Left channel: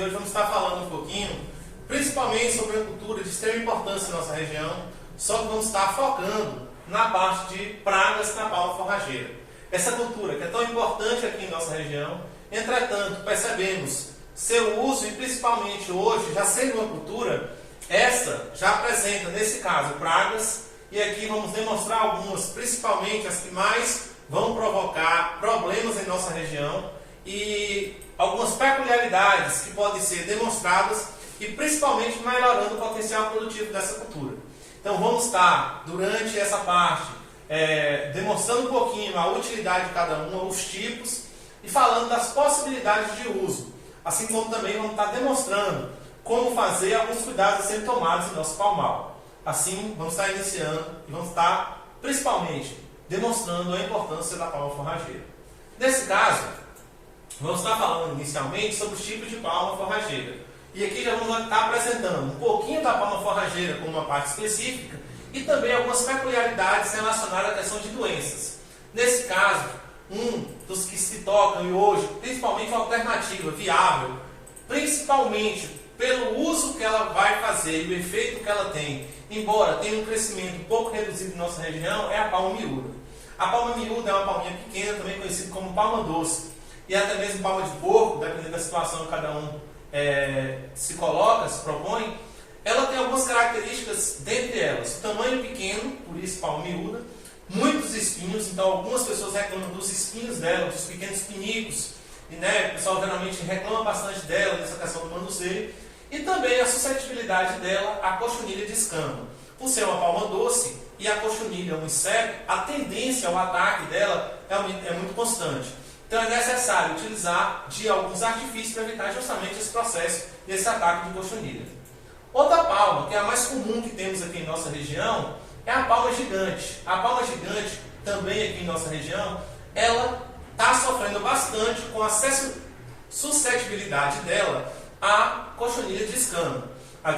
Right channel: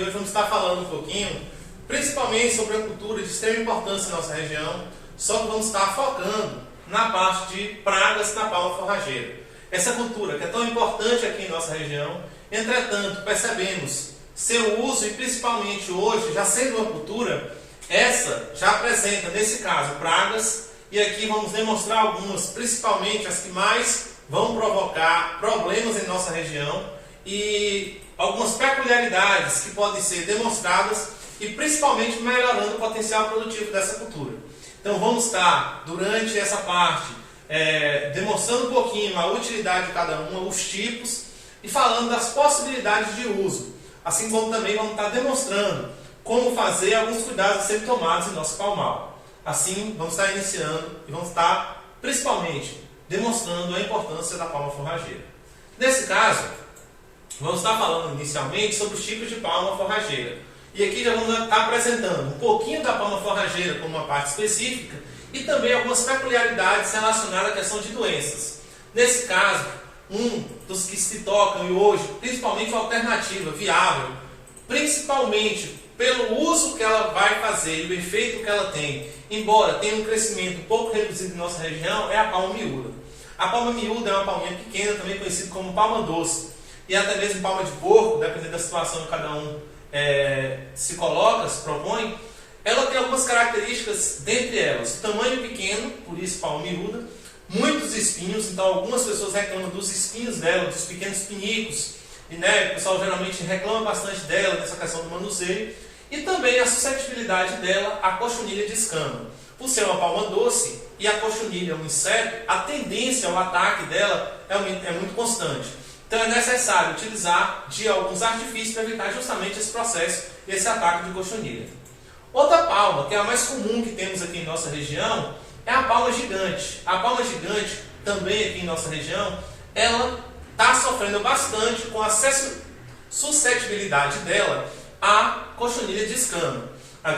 e hoje vamos estar falando um pouquinho, principalmente sobre a cultura de extrema importância na nossa região, só que vamos estar focando na parte de pragas na palma forrageira. Essa cultura que é tão importante aqui em nossa região, entretanto, percebemos seu uso e principalmente hoje, já sendo uma cultura, essa já apresenta, nesse caso, pragas, e aqui vamos demonstrar algumas, principalmente as que mais vão provocar problemas em nossa região e algumas peculiaridades que podem ser demonstradas e principalmente melhorando o potencial produtivo dessa cultura. Então vamos estar, durante essa parte, demonstrando um pouquinho a utilidade de cada uma, os tipos e falando das possibilidades de uso. Assim como também vamos estar demonstrando como fazer alguns cuidados a serem tomados em nosso palmal. Assim, vamos estar iniciando e vamos estar, principalmente, demonstrando a importância da palma forrageira. Nesse caso, vamos estar falando inicialmente sobre os tipos de palma forrageira. E aqui já vamos estar apresentando um pouquinho da palma forrageira como uma parte específica e também algumas peculiaridades relacionadas à questão de doenças. Nesse caso, um dos que se tocam e hoje, principalmente uma alternativa viável, principalmente pelo uso que ela vai fazer e o efeito que ela tem, embora tenha um crescimento um pouco reduzido em nossa região, é a palma miúda. A palma miúda é uma palminha pequena, também conhecida como palma doce, e até mesmo palma de porco, dependendo da situação que cada um se coloca, se propõe. Ela tem algumas características, dentre elas, tamanho pequeno, por isso palma miúda, muitos espinhos, então algumas pessoas reclamam dos espinhos dela, dos pequenos pinicos, e o pessoal geralmente reclama bastante dela, dessa questão do manuseio, e também a suscetibilidade dela à cochonilha de escama. Por ser uma palma doce e a cochonilha é um inseto, a tendência ao ataque dela é muito constante. Então é necessário utilizar de alguns artifícios para evitar justamente esse processo e esse ataque de cochonilha. Outra palma, que é a mais comum que temos aqui em nossa região, é a palma gigante. A palma gigante, também aqui em nossa região, ela está sofrendo bastante com a suscetibilidade dela à cochonilha de escama.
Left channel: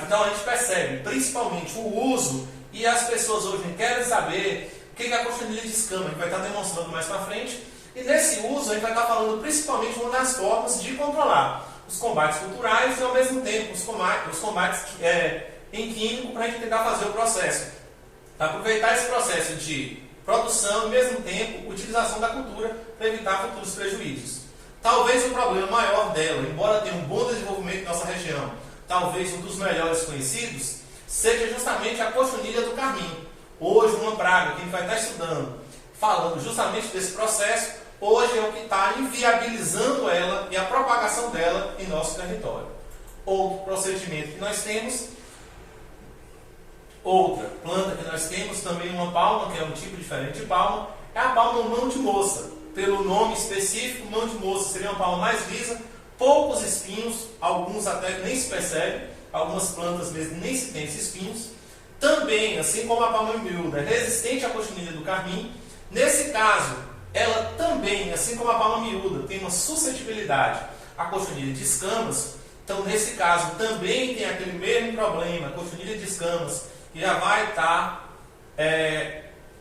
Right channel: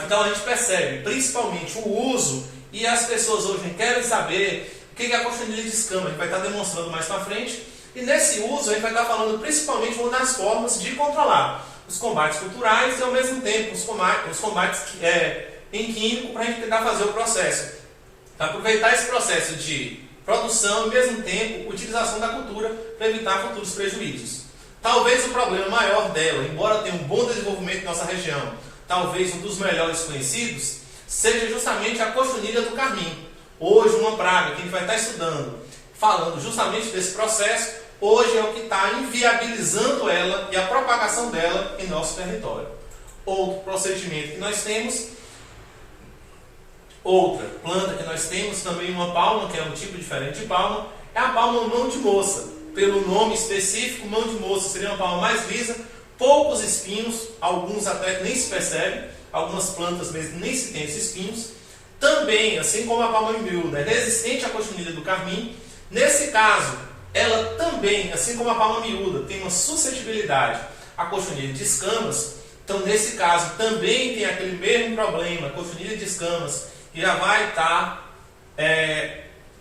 Então a gente percebe principalmente o uso e as pessoas hoje querem saber o que é a cochonilha de escama. A gente vai estar demonstrando mais para frente. E nesse uso a gente vai estar falando principalmente uma das formas de controlar os combates culturais e ao mesmo tempo os combates em químico para a gente tentar fazer o processo. Aproveitar esse processo de produção e ao mesmo tempo utilização da cultura para evitar futuros prejuízos. Talvez o problema maior dela, embora tenha um bom desenvolvimento em nossa região, talvez um dos melhores conhecidos, seja justamente a cochonilha do carmim. Hoje uma praga que a gente vai estar estudando, falando justamente desse processo, hoje é o que está inviabilizando ela e a propagação dela em nosso território. Outro procedimento que nós temos, outra planta que nós temos, também uma palma, que é um tipo diferente de palma, é a palma mão de moça. Pelo nome específico, mão de moça seria uma palma mais lisa, poucos espinhos, alguns até nem se percebe, algumas plantas mesmo nem se tem esses espinhos. Também, assim como a palma miúda, é resistente à cochonilha do carmim. Nesse caso, ela também, assim como a palma miúda, tem uma suscetibilidade à cochonilha de escamas. Então, nesse caso, também tem aquele mesmo problema, a cochonilha de escamas, que já vai estar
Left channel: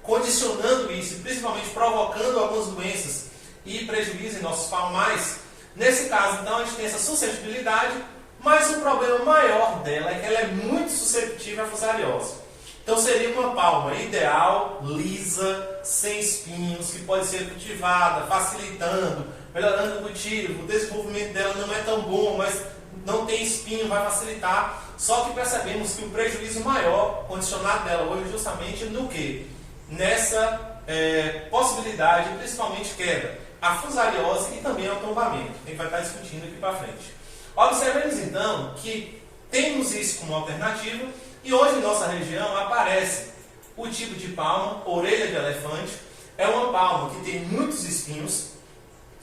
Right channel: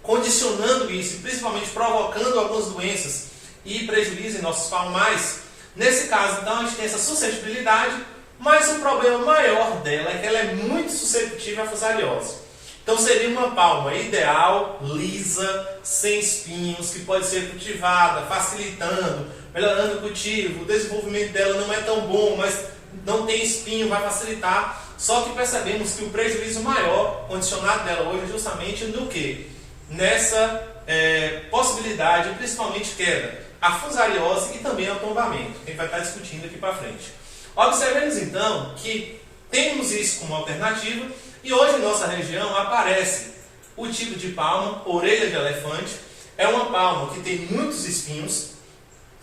condicionando isso, e principalmente provocando algumas doenças e prejuízo em nossos palmais. Nesse caso, então, a gente tem essa suscetibilidade, mas o problema maior dela é que ela é muito suscetível à fusariose. Então seria uma palma ideal, lisa, sem espinhos, que pode ser cultivada, facilitando, melhorando o cultivo. O desenvolvimento dela não é tão bom, mas não tem espinho, vai facilitar. Só que percebemos que o prejuízo maior condicionado dela hoje é justamente no quê? Nessa possibilidade, principalmente queda, a fusariose e também ao tombamento. A gente vai estar discutindo aqui para frente. Observemos então que temos isso como alternativa e hoje em nossa região aparece o tipo de palma, orelha de elefante. É uma palma que tem muitos espinhos.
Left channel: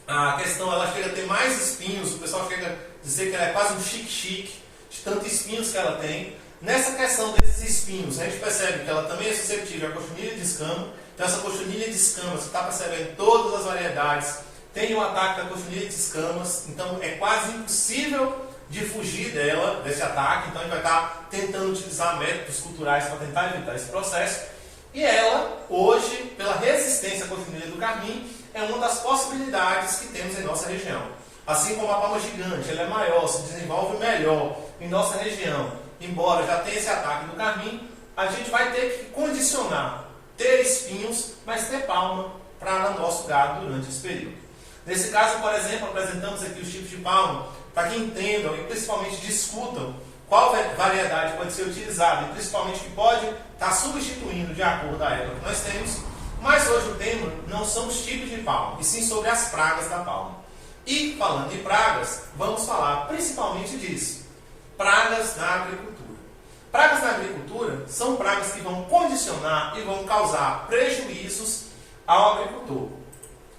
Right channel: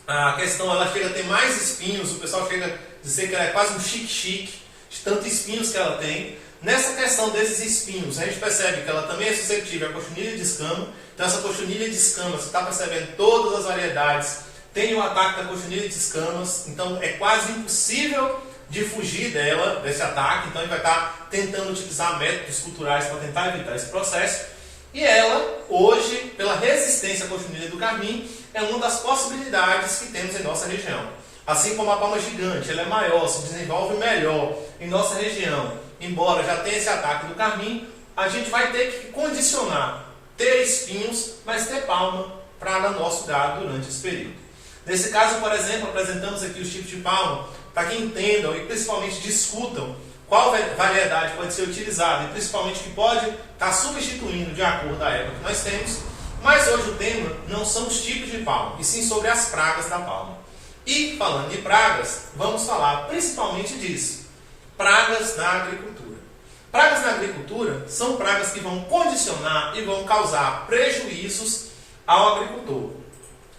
A questão, ela chega a ter mais espinhos, o pessoal chega a dizer que ela é quase um chique-chique, de tantos espinhos que ela tem. Nessa questão desses espinhos, a gente percebe que ela também é suscetível à cochonilha de escama. Então essa cochonilha de escamas, você está percebendo todas as variedades, tem o ataque da cochonilha de escamas, então é quase impossível de fugir dela, desse ataque. Então a gente vai estar tentando utilizar métodos culturais para tentar evitar esse processo. E ela, hoje, pela resistência à cochonilha do carmim, é uma das possibilidades que temos em nossa região. Assim como a palma gigante, ela é maior, se desenvolve melhor em nossa região, embora já tenha esse ataque do carmim, a gente vai ter que condicionar, ter espinhos, mas ter palma para o nosso gado durante esse período. Nesse caso, por exemplo, apresentamos aqui os tipos de palma, para que entendam e principalmente discutam qual variedade pode ser utilizada e principalmente que pode estar substituindo de acordo com a época que nós temos. Mas hoje o tema não são os tipos de palma, e sim sobre as pragas da palma. E falando de pragas, vamos falar principalmente disso, pragas na agricultura. Pragas na agricultura são pragas que vão condicionar e vão causar prejuízos ao agricultor.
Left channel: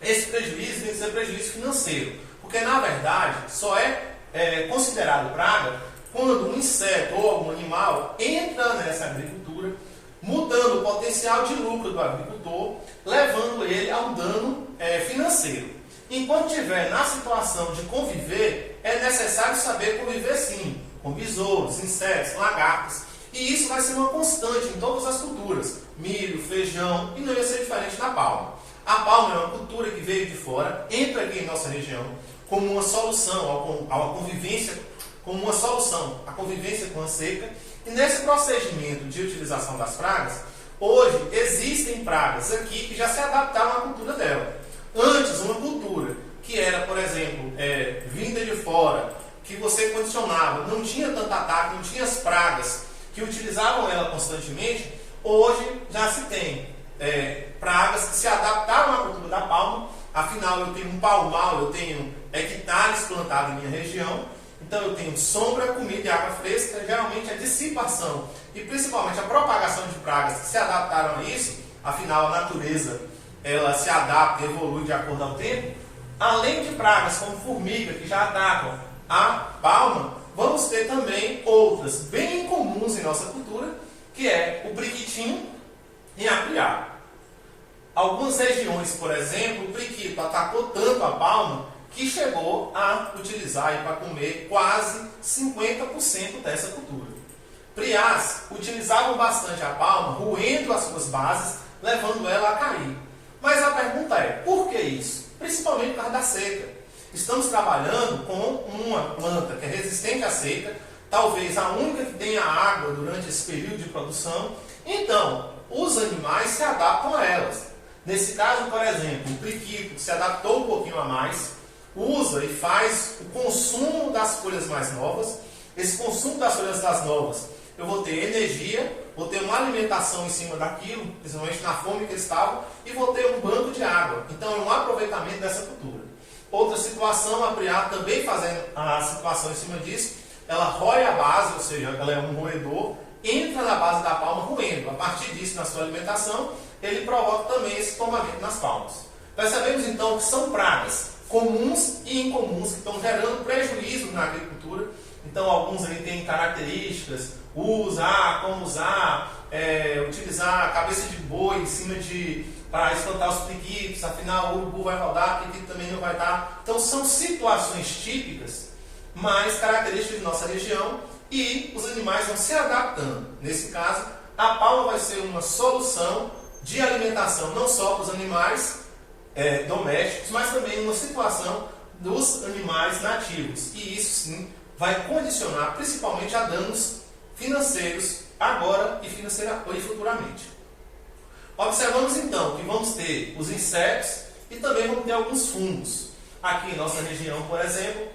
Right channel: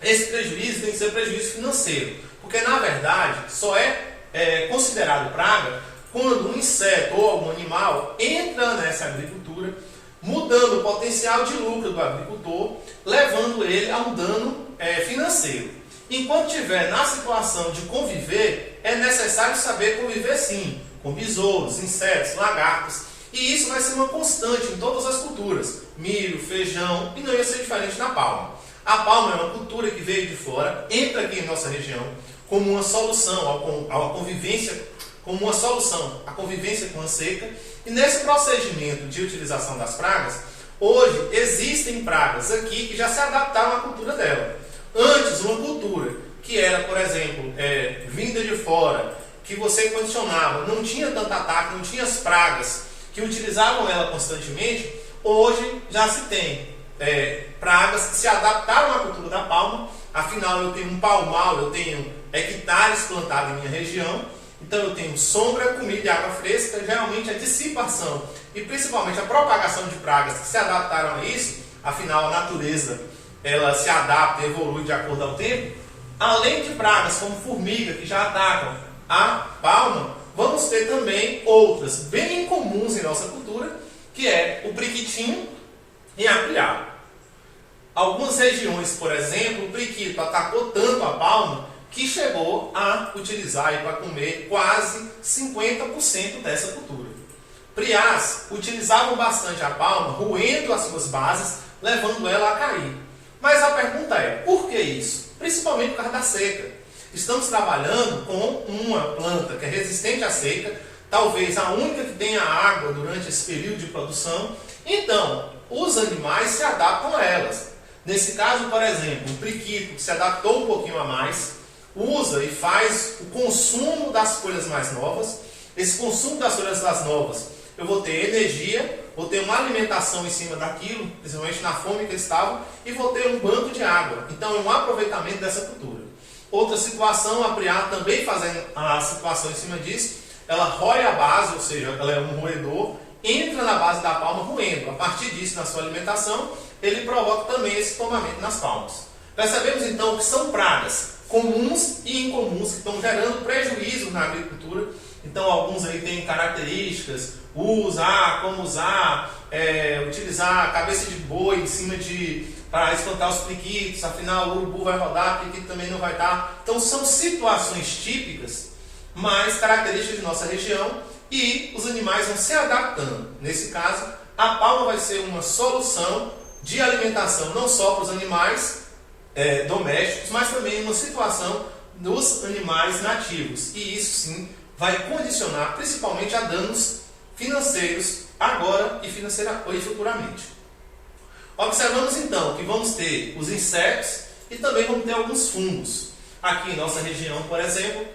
Esse prejuízo tem que ser prejuízo financeiro, porque na verdade só é considerado praga quando um inseto ou algum animal entra nessa agricultura, mudando o potencial de lucro do agricultor, levando ele a um dano financeiro. Enquanto estiver na situação de conviver, é necessário saber conviver sim, com besouros, insetos, lagartos, e isso vai ser uma constante em todas as culturas, milho, feijão, e não ia ser diferente na palma. A palma é uma cultura que veio de fora, entra aqui em nossa região, como uma solução à convivência, como uma solução à convivência com a seca, e nesse procedimento de utilização das pragas, hoje existem pragas aqui que já se adaptaram à cultura dela. Antes, uma cultura que era, por exemplo, vinda de fora, que você condicionava, não tinha tanto ataque, não tinha as pragas que utilizavam ela constantemente, hoje já se tem pragas que se adaptaram à cultura da palma. Afinal, eu tenho um palmal, eu tenho hectares plantados em minha região, então eu tenho sombra, comida e água fresca. Geralmente a dissipação e principalmente a propagação de pragas que se adaptaram a isso, afinal a natureza ela se adapta e evolui de acordo ao tempo. Além de pragas como formiga que já atacam a palma, vamos ter também outras bem comuns em nossa cultura, que é o priquitinho e a criada. Algumas regiões, por exemplo, o priquito atacou tanto a palma que chegou a utilizar para comer quase 50% dessa cultura. Priás utilizavam bastante a palma, roendo as suas bases, levando ela a cair. Mas a pergunta é, por que isso? Principalmente por causa da seca. Estamos trabalhando com uma planta que é resistente à seca, talvez a única que tenha água durante esse período de produção. Então, os animais se adaptam a elas. Nesse caso, por exemplo, o priquito se adaptou um pouquinho a mais, usa e faz o consumo das folhas mais novas. Esse consumo das folhas das novas, eu vou ter energia, vou ter uma alimentação em cima daquilo, principalmente na fome que eles estavam, e vou ter um banco de água. Então, é um aproveitamento dessa cultura. Outra situação, a priá também fazendo a situação em cima disso, ela rói a base, ou seja, ela é um roedor, entra na base da palma roendo. A partir disso, na sua alimentação, ele provoca também esse tomamento nas palmas. Percebemos então que são pragas comuns e incomuns que estão gerando prejuízo na agricultura. Então, alguns aí têm características, como usar, utilizar a cabeça de boi em cima para espantar os priquitos, afinal o urubu vai rodar, o priquito também não vai dar. Então, são situações típicas, mas características de nossa região, e os animais vão se adaptando. Nesse caso, a palma vai ser uma solução de alimentação não só para os animais domésticos, mas também uma situação dos animais nativos. E isso sim vai condicionar principalmente a danos financeiros agora e futuramente. Observamos então que vamos ter os insetos e também vamos ter alguns fungos. Aqui em nossa região, por exemplo,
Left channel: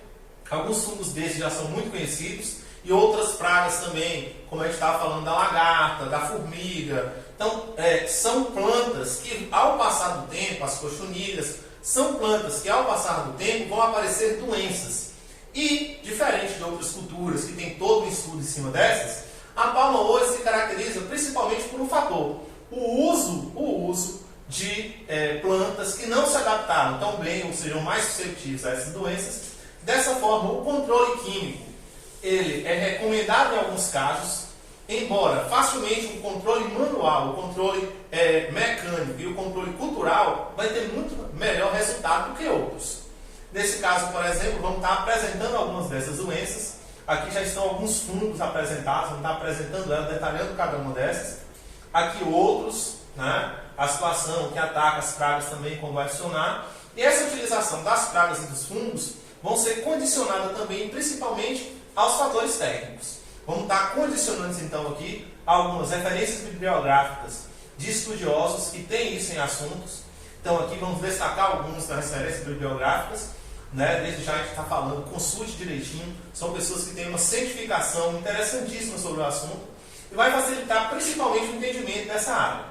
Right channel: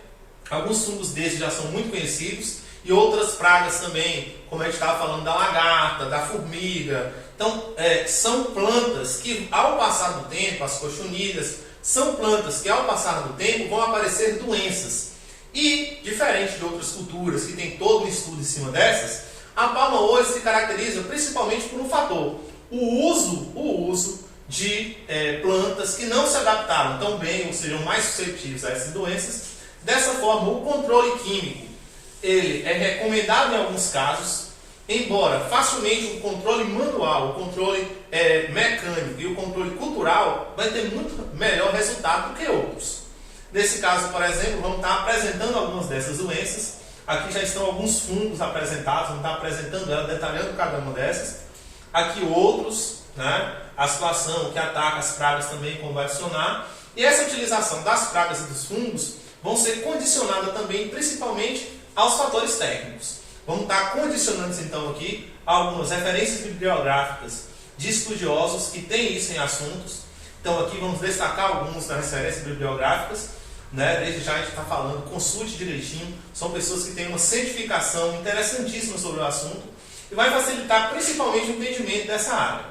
alguns fungos desses já são muito conhecidos, e outras pragas também, como a gente estava falando da lagarta, da formiga. Então, são plantas que ao passar do tempo, as cochonilhas, são plantas que ao passar do tempo vão aparecer doenças. E, diferente de outras culturas que tem todo um estudo em cima dessas, a palma hoje se caracteriza principalmente por um fator: o uso de plantas que não se adaptaram tão bem, ou sejam mais suscetíveis a essas doenças. Dessa forma, o controle químico ele é recomendado em alguns casos, embora facilmente o controle manual, o controle mecânico e o controle cultural vai ter muito melhor resultado do que outros. Nesse caso, por exemplo, vamos estar apresentando algumas dessas doenças. Aqui já estão alguns fungos apresentados, vamos estar apresentando ela, detalhando cada uma dessas. Aqui outros, né? A situação que ataca as pragas também, como vai adicionar. E essa utilização das pragas e dos fungos vão ser condicionadas também, principalmente, aos fatores técnicos. Vamos estar condicionando então aqui algumas referências bibliográficas de estudiosos que têm isso em assuntos. Então aqui vamos destacar algumas das referências bibliográficas, né? Desde já a gente está falando, consulte direitinho, são pessoas que têm uma certificação interessantíssima sobre o assunto e vai facilitar principalmente o entendimento dessa área.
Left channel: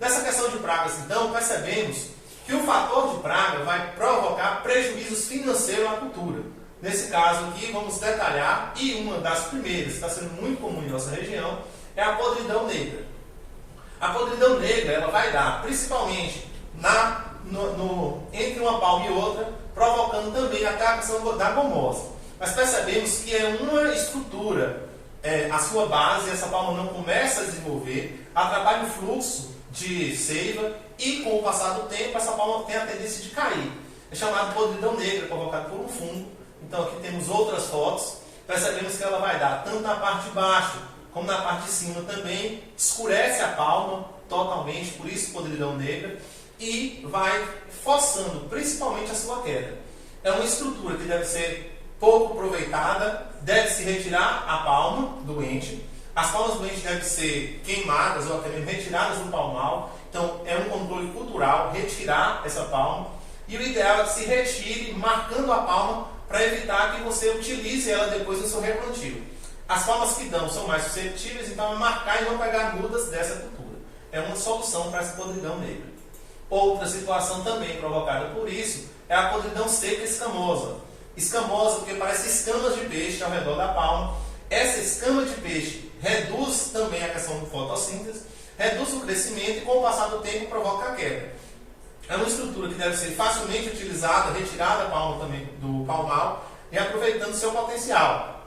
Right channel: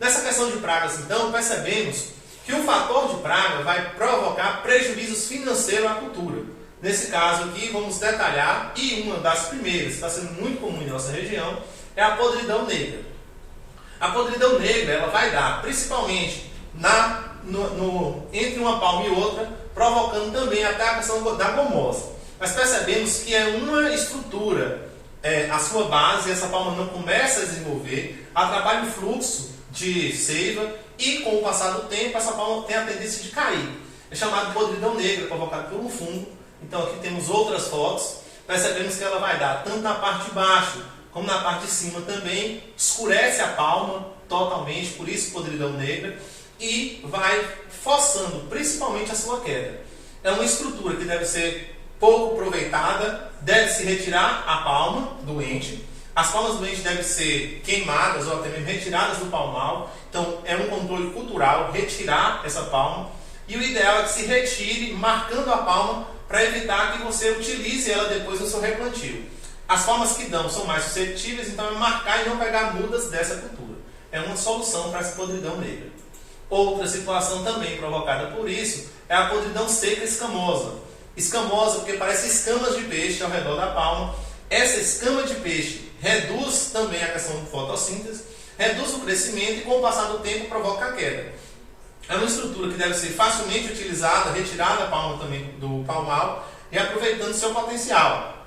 Nessa questão de pragas, então, percebemos que o fator de praga vai provocar prejuízos financeiros à cultura. Nesse caso aqui, vamos detalhar, e uma das primeiras, que está sendo muito comum em nossa região, é a podridão negra. A podridão negra ela vai dar, principalmente, entre uma palma e outra, provocando também até a questão da gomose. Mas percebemos que é uma estrutura, a sua base, essa palma não começa a desenvolver, atrapalha o fluxo de seiva e com o passar do tempo essa palma tem a tendência de cair. É chamado de podridão negra, provocado por um fungo. Então aqui temos outras fotos, percebemos que ela vai dar tanto na parte de baixo como na parte de cima também, escurece a palma totalmente, por isso podridão negra, e vai forçando principalmente a sua queda. É uma estrutura que deve ser pouco aproveitada, deve-se retirar a palma doente. As palmas doentes devem ser queimadas ou até mesmo retiradas do palmal. Então é um controle cultural retirar essa palma. E o ideal é que se retire marcando a palma para evitar que você utilize ela depois no seu replantio. As palmas que dão são mais suscetíveis, então é marcar e não pegar mudas dessa cultura. É uma solução para essa podridão negra. Outra situação também provocada por isso é a podridão seca escamosa. Escamosa porque parece escamas de peixe ao redor da palma. Essa escama de peixe reduz também a questão de fotossíntese, reduz o crescimento e com o passar do tempo provoca a queda. É uma estrutura que deve ser facilmente utilizada, retirada a palma também do palmal e aproveitando seu potencial.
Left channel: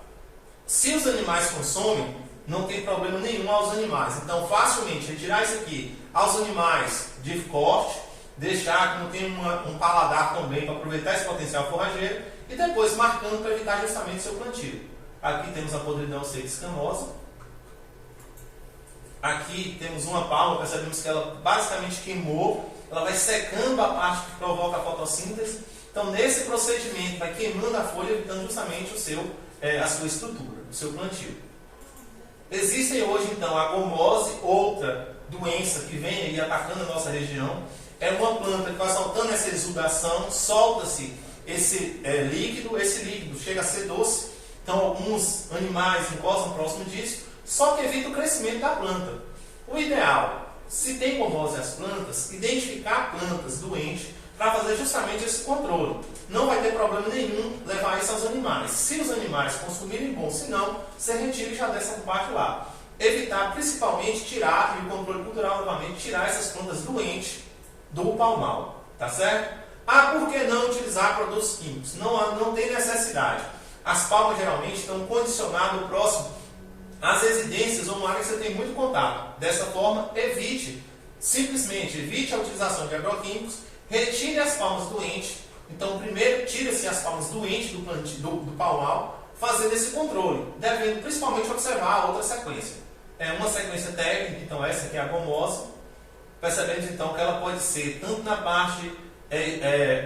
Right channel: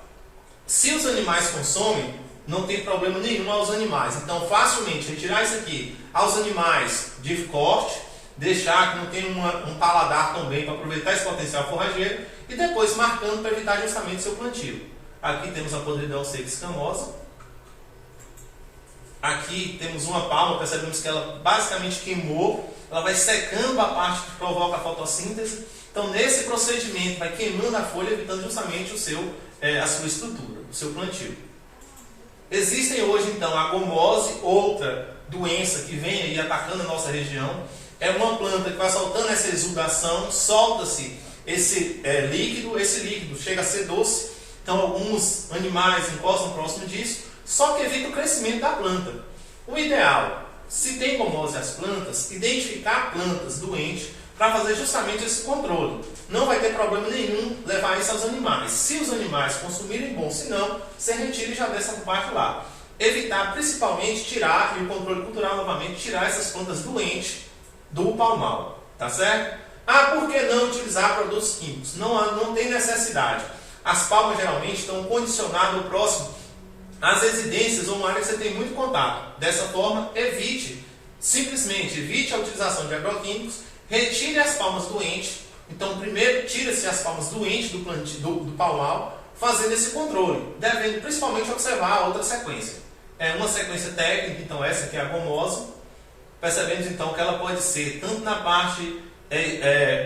Se os animais consomem, não tem problema nenhum aos animais. Então facilmente retirar isso aqui aos animais de corte, deixar que não tenha um paladar também para aproveitar esse potencial forrageiro e depois marcando para evitar justamente seu plantio. Aqui temos a podridão seca escamosa. Aqui temos uma palma, percebemos que ela basicamente queimou, ela vai secando a parte que provoca a fotossíntese. Então nesse procedimento vai queimando a folha, evitando justamente a sua estrutura, o seu plantio. Existem hoje então a gomose, outra doença que vem aí atacando a nossa região. É uma planta que vai soltando essa exudação, solta-se esse líquido chega a ser doce. Então alguns animais encostam próximo disso, só que evita o crescimento da planta. O ideal, se tem gomose as plantas, identificar plantas doentes para fazer justamente esse controle. Não vai ter problema nenhum levar isso aos animais. Se os animais consumirem, bom, se não, você retira e já dessa parte lá. Evitar principalmente tirar, e o controle cultural novamente, tirar essas plantas doentes do palmal, tá certo? Por que não utilizar produtos químicos? Não tem necessidade. As palmas geralmente estão condicionadas próximo às residências ou uma área que você tem muito contato. Dessa forma, simplesmente evite a utilização de agroquímicos, retire as palmas doentes. Então, primeiro, tira-se as palmas doentes do palmal, fazendo esse controle, devendo principalmente observar a outra sequência. É uma sequência técnica, então essa aqui é a gomose. Percebemos então que ela pode ser tanto na parte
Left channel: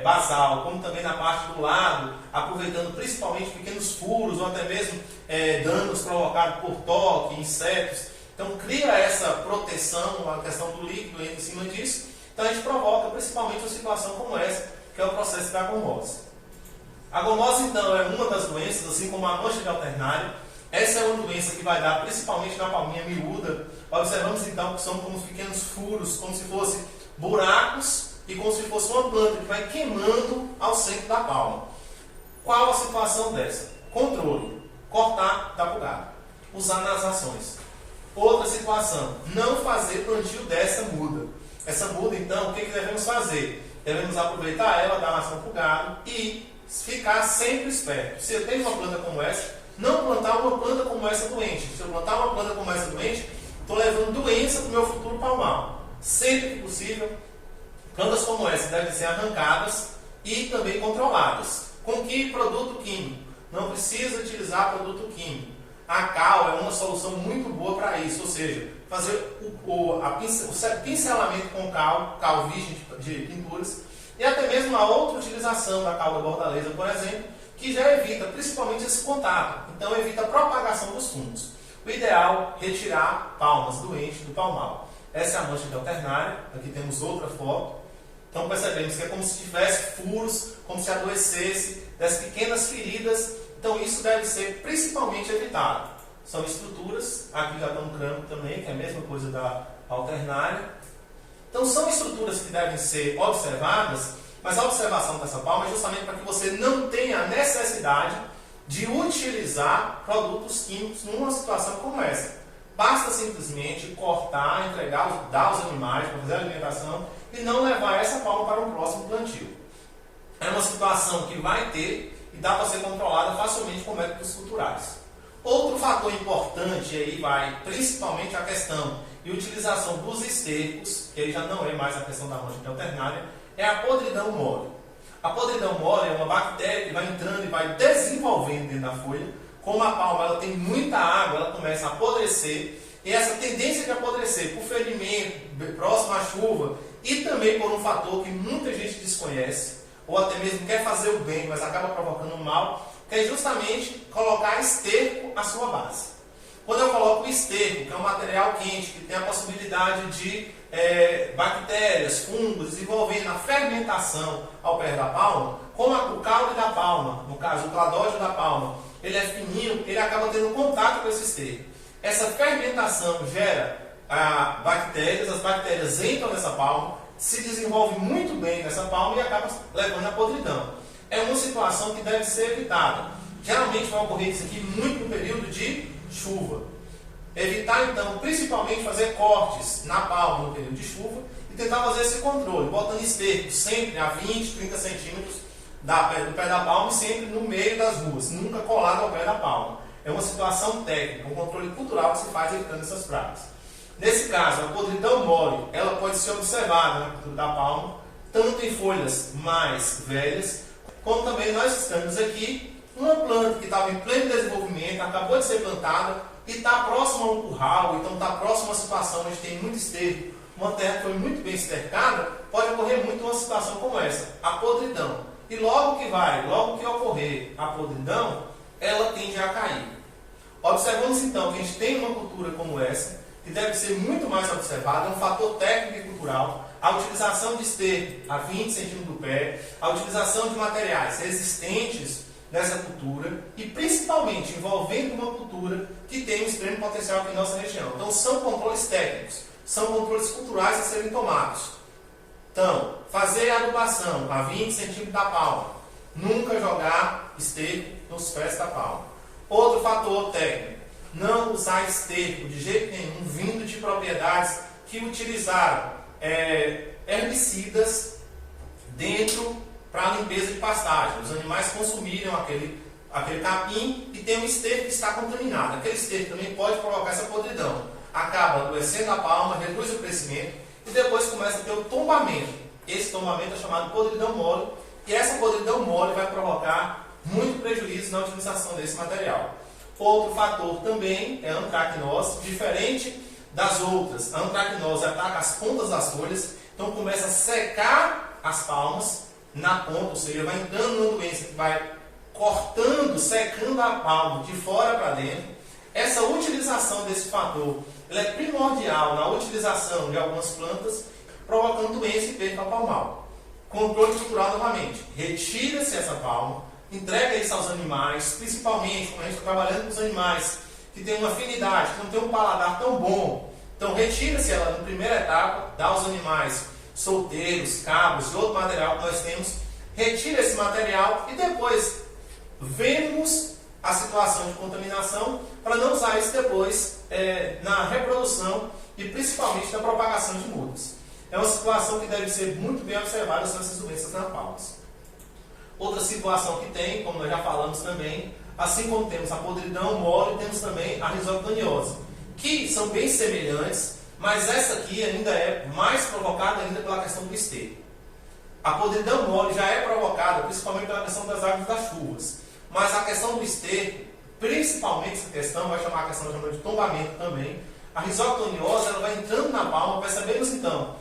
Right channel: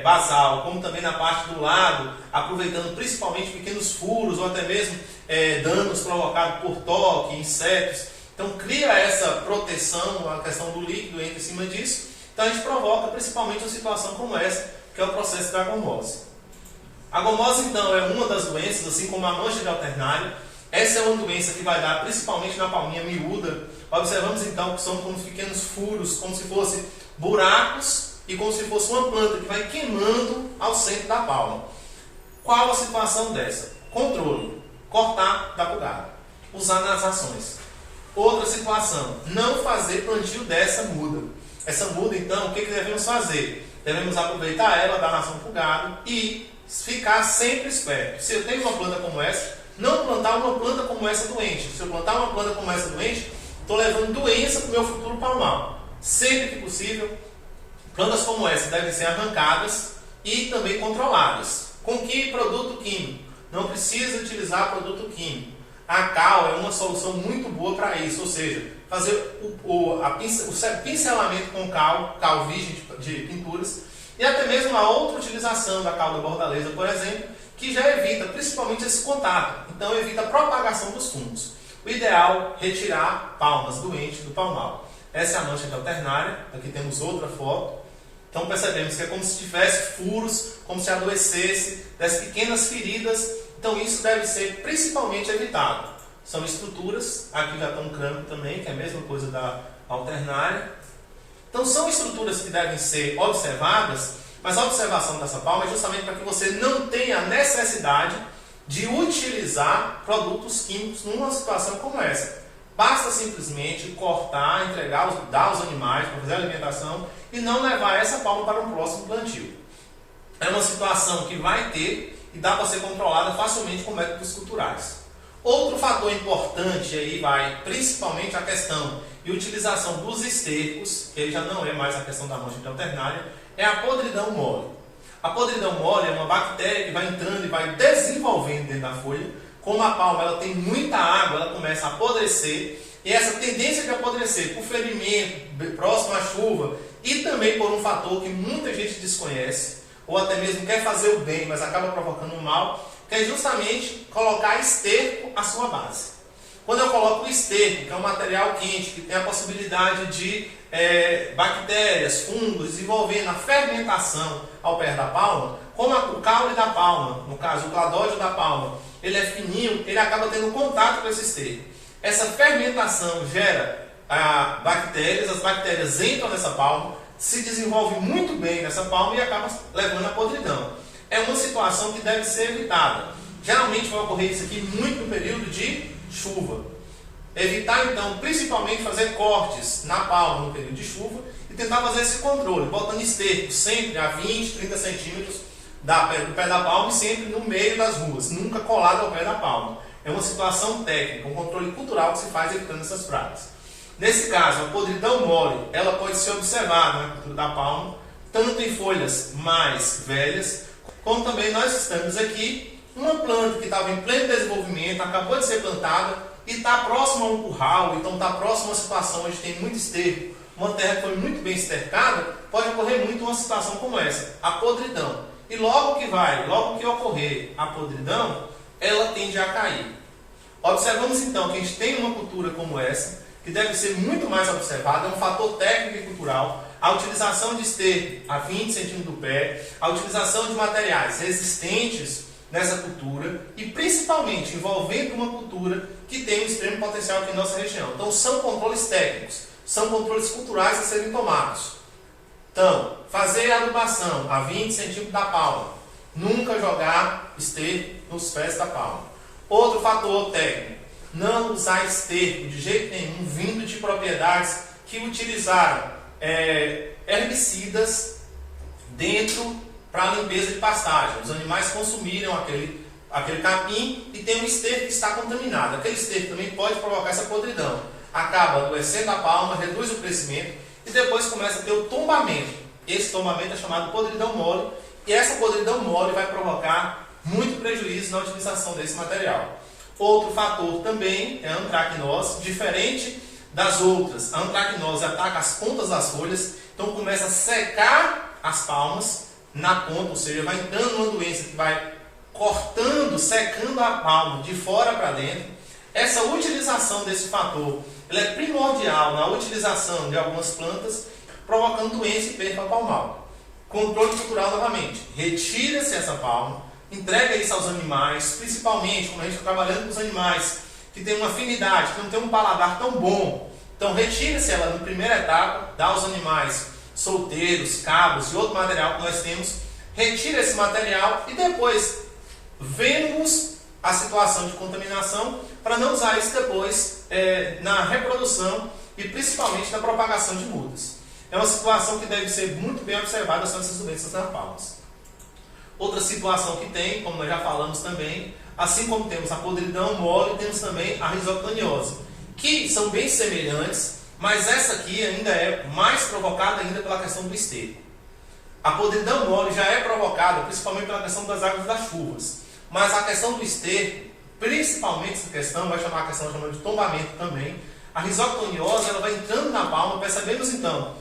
basal, como também na parte do lado, aproveitando principalmente pequenos furos ou até mesmo danos provocados por toque, insetos. Então cria essa proteção, a questão do líquido entra em cima disso. Então a gente provoca principalmente uma situação como essa, que é o processo da gomose. A gomose então é uma das doenças, assim como a mancha de alternário. Essa é uma doença que vai dar principalmente na palminha miúda. Observamos então que são como pequenos furos, como se fossem buracos e como se fosse uma planta que vai queimando ao centro da palma. Qual a situação dessa? Controle. Cortar da bugada. Usar nas ações. Outra situação. Não fazer plantio dessa muda. Essa muda, então, o que devemos fazer? Devemos aproveitar ela, dar nação para o gado e ficar sempre esperto. Se eu tenho uma planta como essa, não plantar uma planta como essa doente. Se eu plantar uma planta como essa doente, estou levando doença para o meu futuro palmal. Sempre que possível, plantas como essa devem ser arrancadas e também controladas. Com que produto químico? Não precisa utilizar produto químico. A cal é uma solução muito boa para isso, ou seja, fazer o pincelamento com cal virgem de pinturas, e até mesmo a outra utilização da cal da bordaleza, por exemplo, que já evita principalmente esse contato, então evita a propagação dos fungos. O ideal é retirar palmas doentes do palmal. Essa é a mancha de alternária, aqui temos outra foto. Então percebemos que é como se tivesse furos, como se adoecesse, das pequenas feridas. Então isso deve ser principalmente evitado. São estruturas, aqui já está um crânio também, que é a mesma coisa da alternária. Então são estruturas que devem ser observadas, mas a observação dessa palma é justamente para que você não tenha a necessidade de utilizar produtos químicos numa situação como essa. Basta simplesmente cortar, entregar, dar aos animais para fazer a alimentação e não levar essa palma para um próximo plantio. É uma situação que vai ter e dá para ser controlada facilmente com métodos culturais. Outro fator importante aí vai principalmente a questão de utilização dos estercos, que aí já não é mais a questão da mancha de alternária, é a podridão mole. A podridão mole é uma bactéria que vai entrando e vai desenvolvendo dentro da folha. Como a palma ela tem muita água, ela começa a apodrecer, e essa tendência de apodrecer por ferimento, próximo à chuva, e também por um fator que muita gente desconhece, ou até mesmo quer fazer o bem, mas acaba provocando um mal, que é justamente colocar esterco à sua base. Quando eu coloco o esterco, que é um material quente, que tem a possibilidade de bactérias, fungos, desenvolvendo a fermentação ao pé da palma, como o caule da palma, no caso o cladódio da palma, ele é fininho, ele acaba tendo contato com esse esterco. Essa fermentação gera bactérias, as bactérias entram nessa palma, se desenvolvem muito bem nessa palma e acabam levando a podridão. É uma situação que deve ser evitada. Geralmente vai ocorrer isso aqui muito no período de chuva. Evitar então, principalmente fazer cortes na palma no período de chuva e tentar fazer esse controle, botando esterco sempre a 20, 30 centímetros do pé da palma e sempre no meio das ruas, nunca colado ao pé da palma. É uma situação técnica, um controle cultural que se faz evitando essas pragas. Nesse caso, a podridão mole, ela pode ser observada na cultura da palma, tanto em folhas mais velhas, como também nós estamos aqui, uma planta que estava em pleno desenvolvimento, acabou de ser plantada e está próxima a um curral, então está próxima a uma situação onde tem muito esterco, uma terra que foi muito bem estercada, pode ocorrer muito uma situação como essa, a podridão. E logo que ocorrer a podridão, ela tende a cair. Observamos então que a gente tem uma cultura como essa, que deve ser muito mais observada, é um fator técnico e cultural, a utilização de esterco a 20 centímetros do pé, a utilização de materiais resistentes nessa cultura e principalmente envolvendo uma cultura que tem um extremo potencial aqui em nossa região. Então são controles técnicos, são controles culturais a serem tomados. Então, fazer a adubação a 20 centímetros da palma, nunca jogar esterco nos pés da palma. Outro fator técnico, não usar esterco de jeito nenhum vindo de propriedades que utilizaram herbicidas dentro para a limpeza de pastagem. Os animais consumiram aquele capim e tem um esterco que está contaminado. Aquele esterco também pode provocar essa podridão. Acaba adoecendo a palma, reduz o crescimento e depois começa a ter o tombamento. Esse tombamento é chamado podridão mole e essa podridão mole vai provocar muito prejuízo na utilização desse material. Outro fator também é a antracnose, diferente das outras. A antracnose ataca as pontas das folhas, então começa a secar as palmas na ponta, ou seja, vai entrando uma doença que vai cortando, secando a palma de fora para dentro. Essa utilização desse fator ela é primordial na utilização de algumas plantas, provocando doença e perda palmal. Controle cultural novamente. Retira-se essa palma, entrega isso aos animais, principalmente quando a gente está trabalhando com os animais que tem uma afinidade, que não tem um paladar tão bom. Então retira-se ela na primeira etapa, dá aos animais solteiros, cabos e outro material que nós temos, retira esse material e depois vemos a situação de contaminação para não usar isso depois na reprodução e principalmente na propagação de mudas. É uma situação que deve ser muito bem observada, são essas doenças nas palmas. Outra situação que tem, como nós já falamos também, assim como temos a podridão mole, temos também a risoctoniose, que são bem semelhantes, mas essa aqui ainda é mais provocada ainda pela questão do esterco. A podridão mole já é provocada principalmente pela questão das águas das chuvas, mas a questão do esterco, principalmente essa questão, vai chamar a questão de tombamento também. A risoctoniose ela vai entrando na palma, percebemos então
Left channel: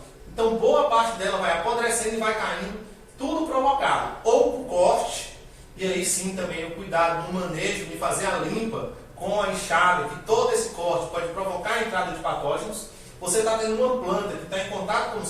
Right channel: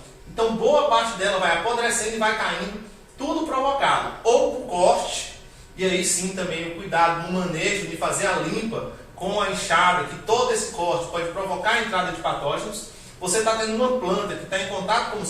boa parte dela vai apodrecendo e vai caindo, tudo provocado ou por corte E aí sim também o cuidado no manejo de fazer a limpa com a enxada, que todo esse corte pode provocar a entrada de patógenos. Você está tendo uma planta que está em contato com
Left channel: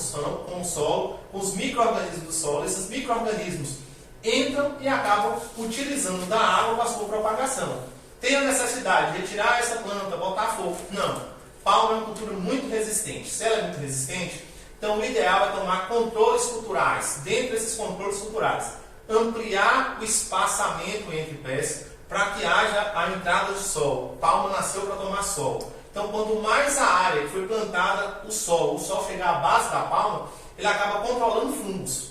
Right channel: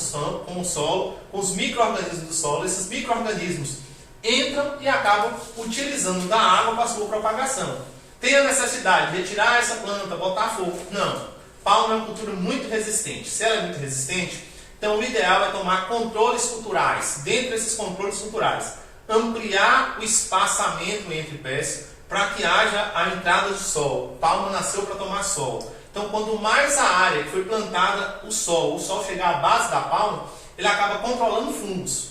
o solo, com os micro-organismos do solo. Esses micro-organismos entram e acabam utilizando da água para a sua propagação. Tem a necessidade de retirar essa planta, botar fogo? Não. Palma é uma cultura muito resistente. Se ela é muito resistente, então o ideal é tomar controles culturais. Dentro desses controles culturais, ampliar o espaçamento entre pés para que haja a entrada de sol. Palma nasceu para tomar sol. Então, quanto mais a área que foi plantada o sol chegar à base da palma, ele acaba controlando fungos.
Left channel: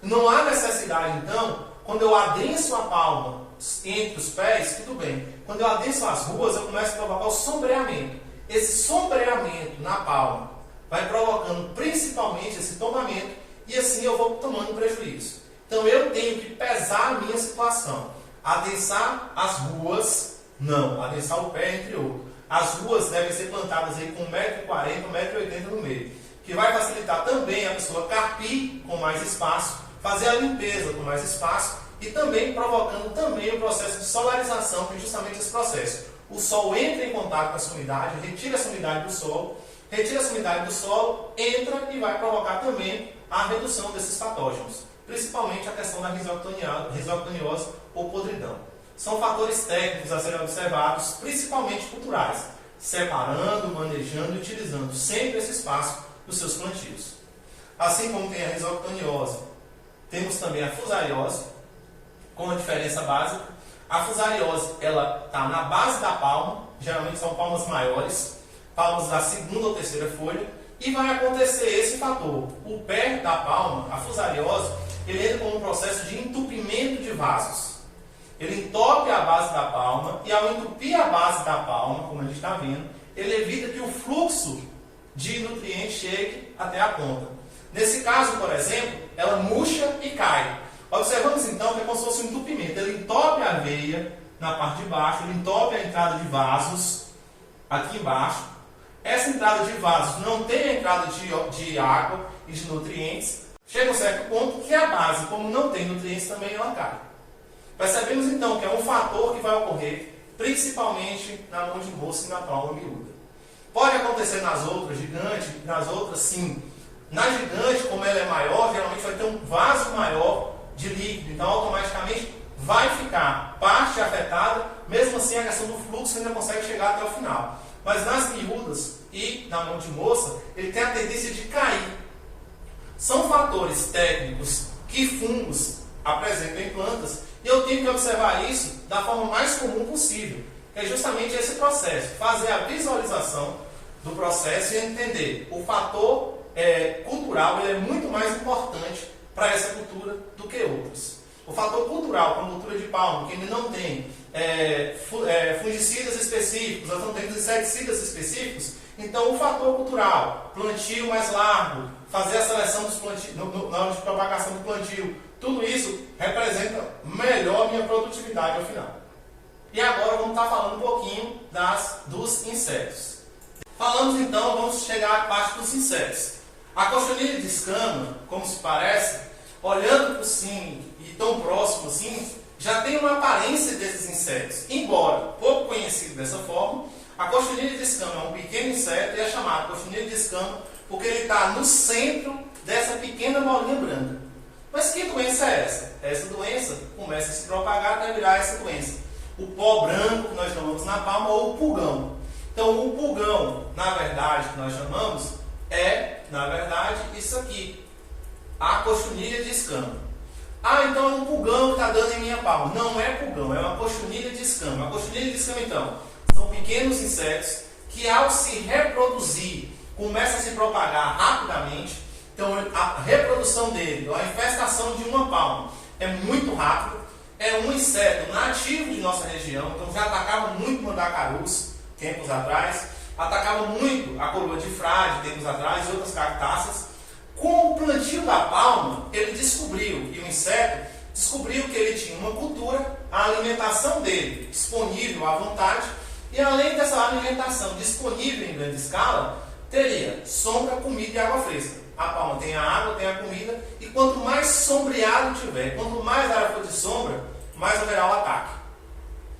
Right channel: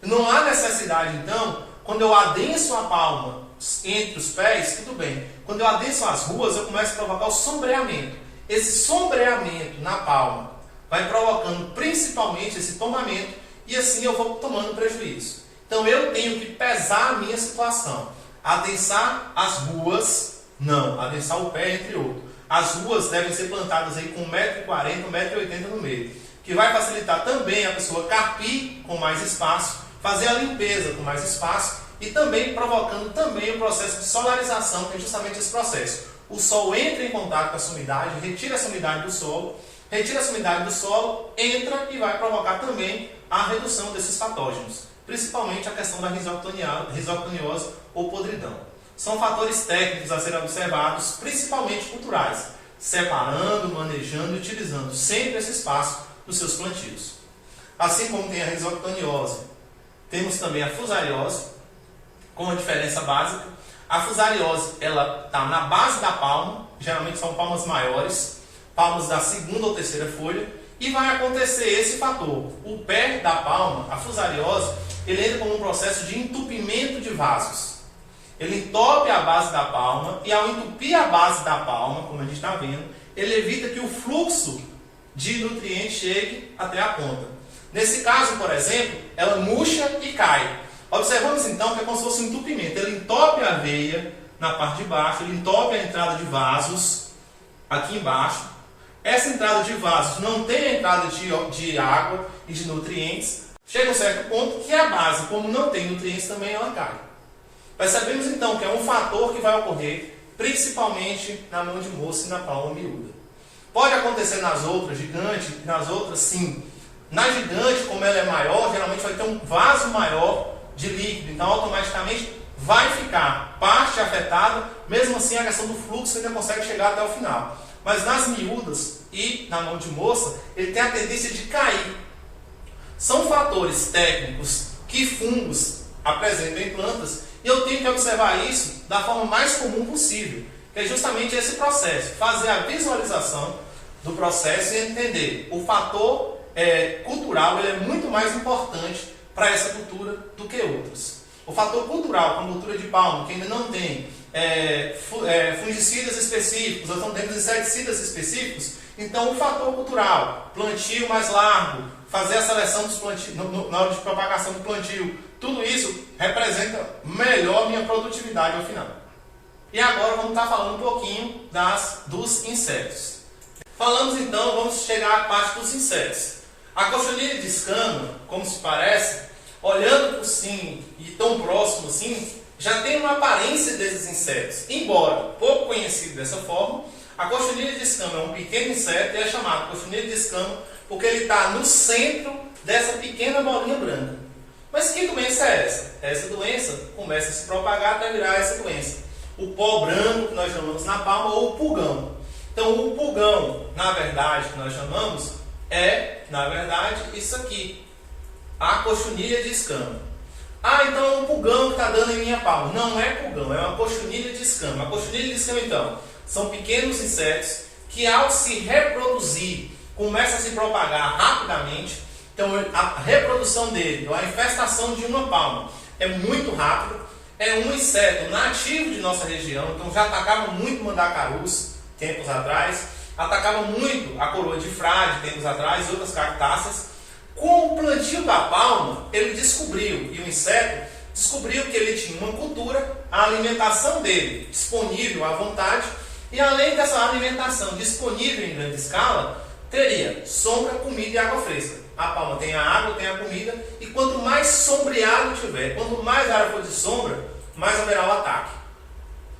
Não há necessidade, então, quando eu adenso a palma entre os pés, tudo bem. Quando eu adenso as ruas, eu começo a provocar o sombreamento. Esse sombreamento na palma vai provocando principalmente esse tomamento e assim eu vou tomando prejuízo. Então, eu tenho que pesar a minha situação. Adensar as ruas, não. Adensar o pé, entre outros. As ruas devem ser plantadas aí com 1,40 m, 1,80 m no meio, que vai facilitar também a pessoa carpir com mais espaço, fazer a limpeza com mais espaço e também provocando também o processo de solarização, que é justamente esse processo. O sol entra em contato com essa umidade, retira essa umidade do solo, entra e vai provocar também a redução desses patógenos, principalmente a questão da risoctoniose ou podridão. São fatores técnicos a serem observados, principalmente culturais, separando, manejando e utilizando sempre esse espaço nos seus plantios. Assim como tem a risoctoniose, temos também a fusariose, com uma diferença básica. A fusariose ela está na base da palma, geralmente são palmas maiores, palmas da segunda ou terceira folha, e vai acontecer esse fator. O pé da palma, a fusariose, ele entra como um processo de entupimento de vasos. Ele entope a base da palma e ao entupir a base da palma, como a gente está vendo, ele evita que o fluxo de nutrientes chegue até a ponta. Nesse caso, por exemplo, ela murcha e cai. Observamos então que é como se fosse um entupimento. Ele entope a veia na parte de baixo, ele entope a entrada de vasos aqui embaixo. Essa entrada de vasos não tem a entrada de água e de nutrientes. Chega a um certo ponto que a base, como não tem nutrientes, também ela cai. Percebemos então que é um fator que vai ocorrer principalmente na mão de moça e na palma miúda. Pode acontecer nas outras, gigante, nas outras sim. Na gigante, como ela é maior, geralmente vai ter um vaso maior de líquido, então automaticamente vai ficar parte afetada, mesmo assim a questão do fluxo ainda consegue chegar até o final. Mas nas miúdas e na mão de moça, ele tem a tendência de cair. São fatores técnicos que fungos apresentam em plantas e eu tenho que observar isso da forma mais comum possível, que é justamente esse processo, fazer a visualização do processo e entender o fator cultural, ele é muito mais importante para essa cultura do que outras. O fator cultural, como a cultura de palma, que ainda não tem fungicidas específicos, nós não temos inseticidas específicos, então o fator cultural, plantio mais largo, fazer a seleção dos plantios, na hora de propagação do plantio, tudo isso representa melhor minha produtividade ao final. E agora vamos estar falando um pouquinho dos insetos. Falamos então, vamos chegar à parte dos insetos. A cochonilha de escama, como se parece, olhando por cima e tão próximo assim, já tem uma aparência desses insetos. Embora pouco conhecido dessa forma, a cochonilha de escama é um pequeno inseto e é chamado cochonilha de escama porque ele está no centro dessa pequena bolinha branca. Mas que doença é essa? Essa doença começa a se propagar até virar essa doença. O pó branco, que nós chamamos na palma, ou o pulgão. Então, o pulgão, na verdade, que nós chamamos, isso aqui. A cochonilha de escama. Ah, então é um pulgão que está dando em minha palma. Não é pulgão, é uma cochonilha de escama. A cochonilha de escama, então, são pequenos insetos que, ao se reproduzir, começam a se propagar rapidamente. Então, a reprodução dele, a infestação de uma palma, é muito rápida. É um inseto nativo de nossa região, então já atacava muito mandacarus tempos atrás, atacava muito a coroa de frade tempos atrás, outras cactáceas. Com o plantio da palma, ele descobriu, e o inseto descobriu que ele tinha uma cultura, a alimentação dele disponível à vontade, e além dessa alimentação disponível em grande escala, teria sombra, comida e água fresca. A palma tem a água, tem a comida, e quanto mais sombreado tiver, quanto mais área for de sombra, mais haverá o ataque.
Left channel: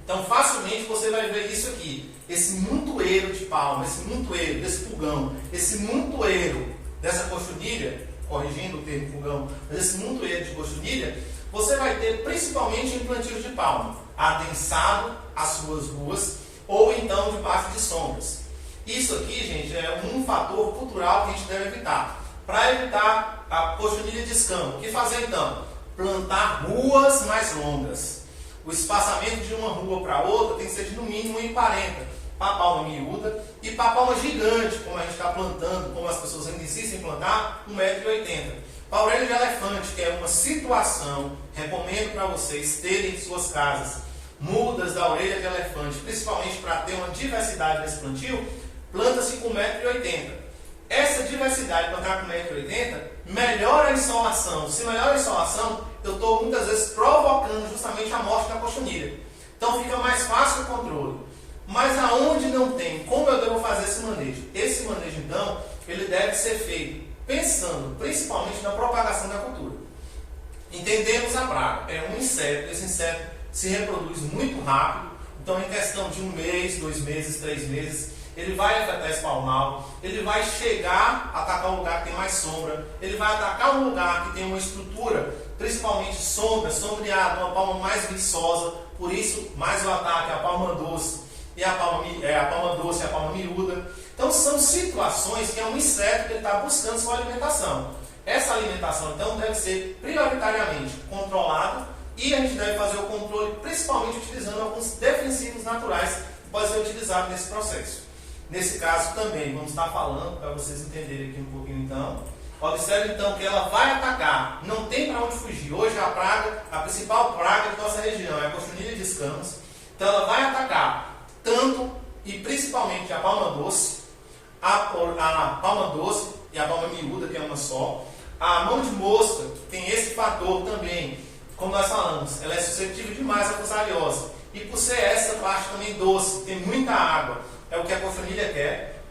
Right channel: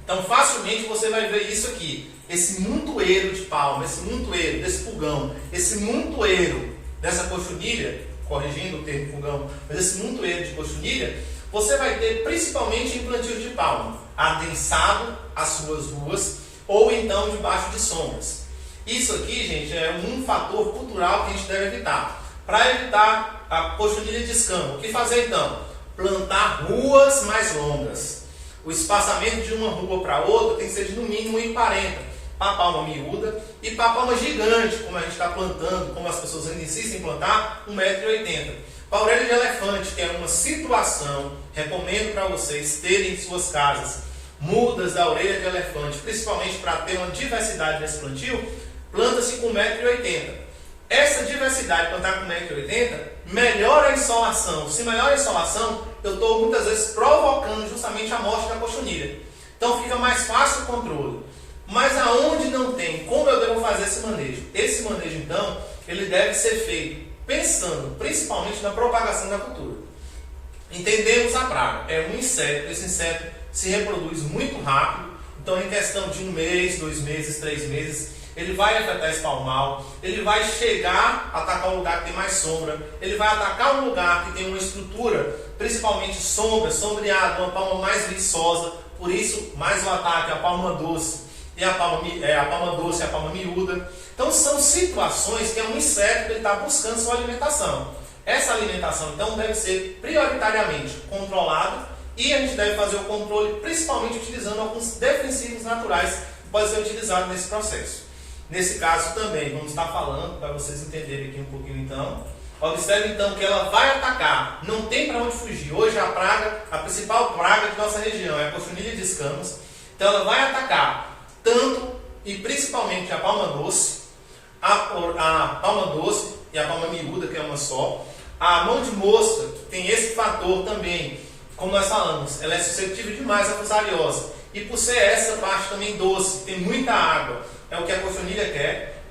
Então, facilmente você vai ver isso aqui. Esse montoeiro de palma, esse montoeiro desse pulgão, esse montoeiro dessa cochonilha, corrigindo o termo pulgão, mas esse montoeiro de cochonilha, você vai ter principalmente em plantios de palma, adensado às suas ruas ou então debaixo de sombras. Isso aqui, gente, é um fator cultural que a gente deve evitar. Para evitar a cochonilha de escama, o que fazer então? Plantar ruas mais longas. O espaçamento de uma rua para outra tem que ser de no mínimo 1,40 para a palma miúda e para a palma gigante, como a gente está plantando, como as pessoas ainda insistem em plantar, 1,80 m. Para a orelha de elefante, que é uma situação, recomendo para vocês terem em suas casas mudas da orelha de elefante, principalmente para ter uma diversidade nesse plantio, planta-se com 1,80 m. Essa diversidade, plantar com 1,80 m, melhora a insolação. Se melhora a insolação, eu estou muitas vezes provocando justamente a morte da cochonilha. Então fica mais fácil o controle. Mas aonde não tem, como eu devo fazer esse manejo? Esse manejo, então, ele deve ser feito pensando principalmente na propagação da cultura. Entendemos a praga. É um inseto. Esse inseto se reproduz muito rápido. Então, em questão de 1 mês, 2 meses, 3 meses, ele vai afetar esse palmal, ele vai chegar a atacar um lugar que tem mais sombra, ele vai atacar um lugar que tem uma estrutura, principalmente sombreada, uma palma mais viçosa, por isso mais o ataque, a palma doce e a palma miúda. Então são situações que é um inseto que ele está buscando sua alimentação. Essa alimentação então deve ser prioritariamente controlada e a gente deve fazer o controle principalmente utilizando alguns defensivos naturais que podem ser utilizados nesse processo. Nesse caso também, vamos estar falando, para vocês entenderem aqui um pouquinho então. Observe então que ela vai atacar, não tem para onde fugir. Hoje a principal praga de nossa região é a cochonilha de escamas. Então ela vai atacar tanto e principalmente a palma doce, a palma doce e a palma miúda, que é uma só. A mão de mosca, que tem esse fator também, como nós falamos, ela é suscetível demais à fusariose. E por ser essa parte também doce, tem muita água, é o que a cochonilha quer.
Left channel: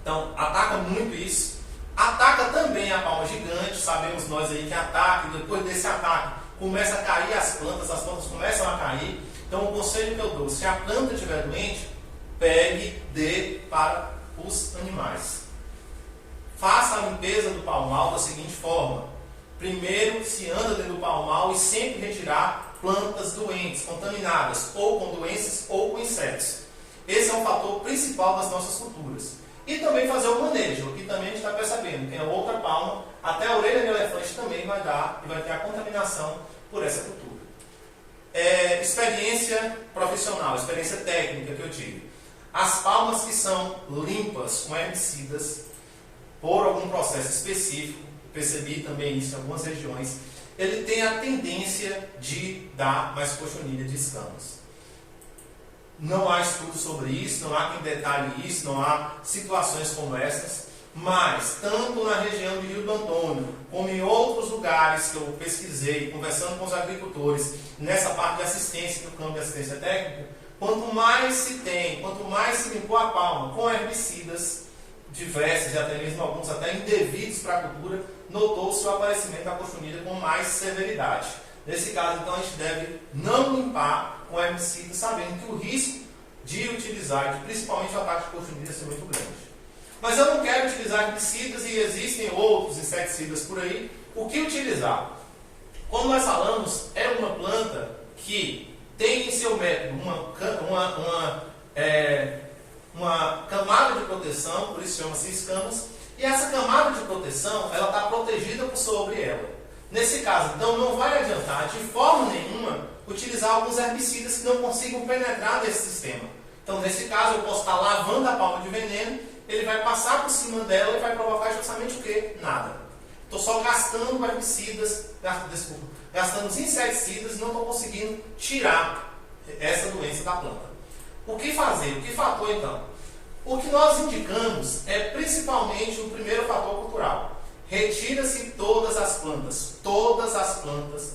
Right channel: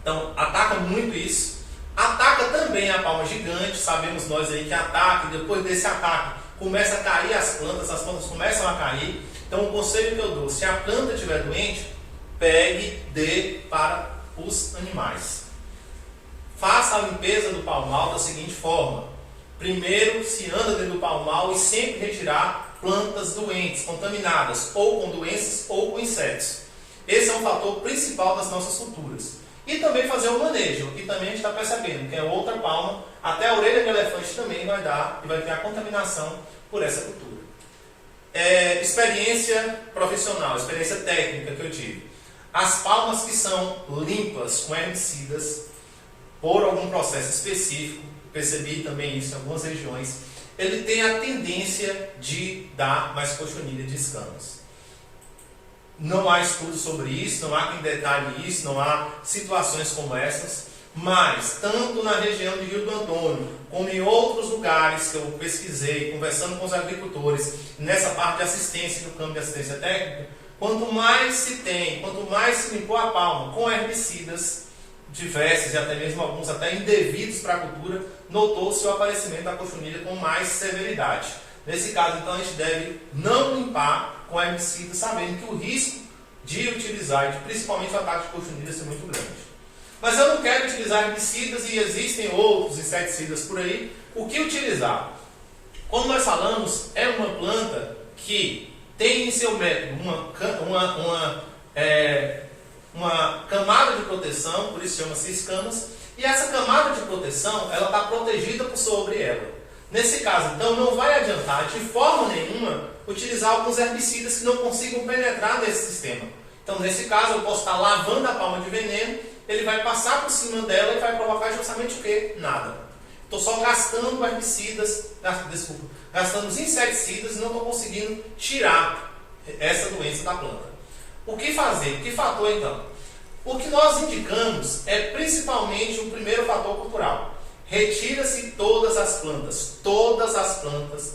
Então, ataca muito isso. Ataca também a palma gigante, sabemos nós aí que ataca, e depois desse ataque começa a cair as plantas começam a cair. Então, o conselho que eu dou, se a planta estiver doente, pegue, dê para os animais. Faça a limpeza do palmal da seguinte forma. Primeiro, se anda dentro do palmal e sempre retirar plantas doentes, contaminadas, ou com doenças ou com insetos. Esse é um fator principal das nossas culturas. E também fazer o manejo, que também a gente está percebendo que é outra palma, até a orelha de elefante também vai dar e vai ter a contaminação por essa cultura. Experiência profissional, experiência técnica que eu tive. As palmas que são limpas com herbicidas, por algum processo específico, percebi também isso em algumas regiões, ele tem a tendência de dar mais cochonilha de escamas. Não há estudo sobre isso, não há quem detalhe isso, não há situações como essas, mas tanto na região de Rio do Antônio, como em outros lugares que eu pesquisei, conversando com os agricultores, nessa parte de assistência no campo de assistência técnica, quanto mais se limpou a palma com herbicidas diversos e até mesmo alguns até indevidos para a cultura, notou-se o aparecimento da cochonilha com mais severidade. Nesse caso, então, a gente deve não limpar com herbicida, sabendo que o risco de utilizar, principalmente o ataque de cochonilha, é muito grande. Mas eu não quero utilizar herbicidas e existem outros inseticidas por aí. O que utilizar? Como nós falamos, é uma planta que tem em seu método uma camada de proteção, por isso chama-se escamas, e essa camada de proteção, ela está protegida por sobre ela. Nesse caso, então, não vai adiantar de forma nenhuma utilizar alguns herbicidas que não consigam penetrar nesse sistema. Então, nesse caso, eu posso estar lavando a palma de veneno, ele vai passar por cima dela e vai provocar justamente o quê? Nada. Estou só gastando herbicidas, gastando os inseticidas e não estou conseguindo tirar essa doença da planta. O que fazer? O que fator, então? O que nós indicamos é principalmente o primeiro fator cultural. Retira-se todas as plantas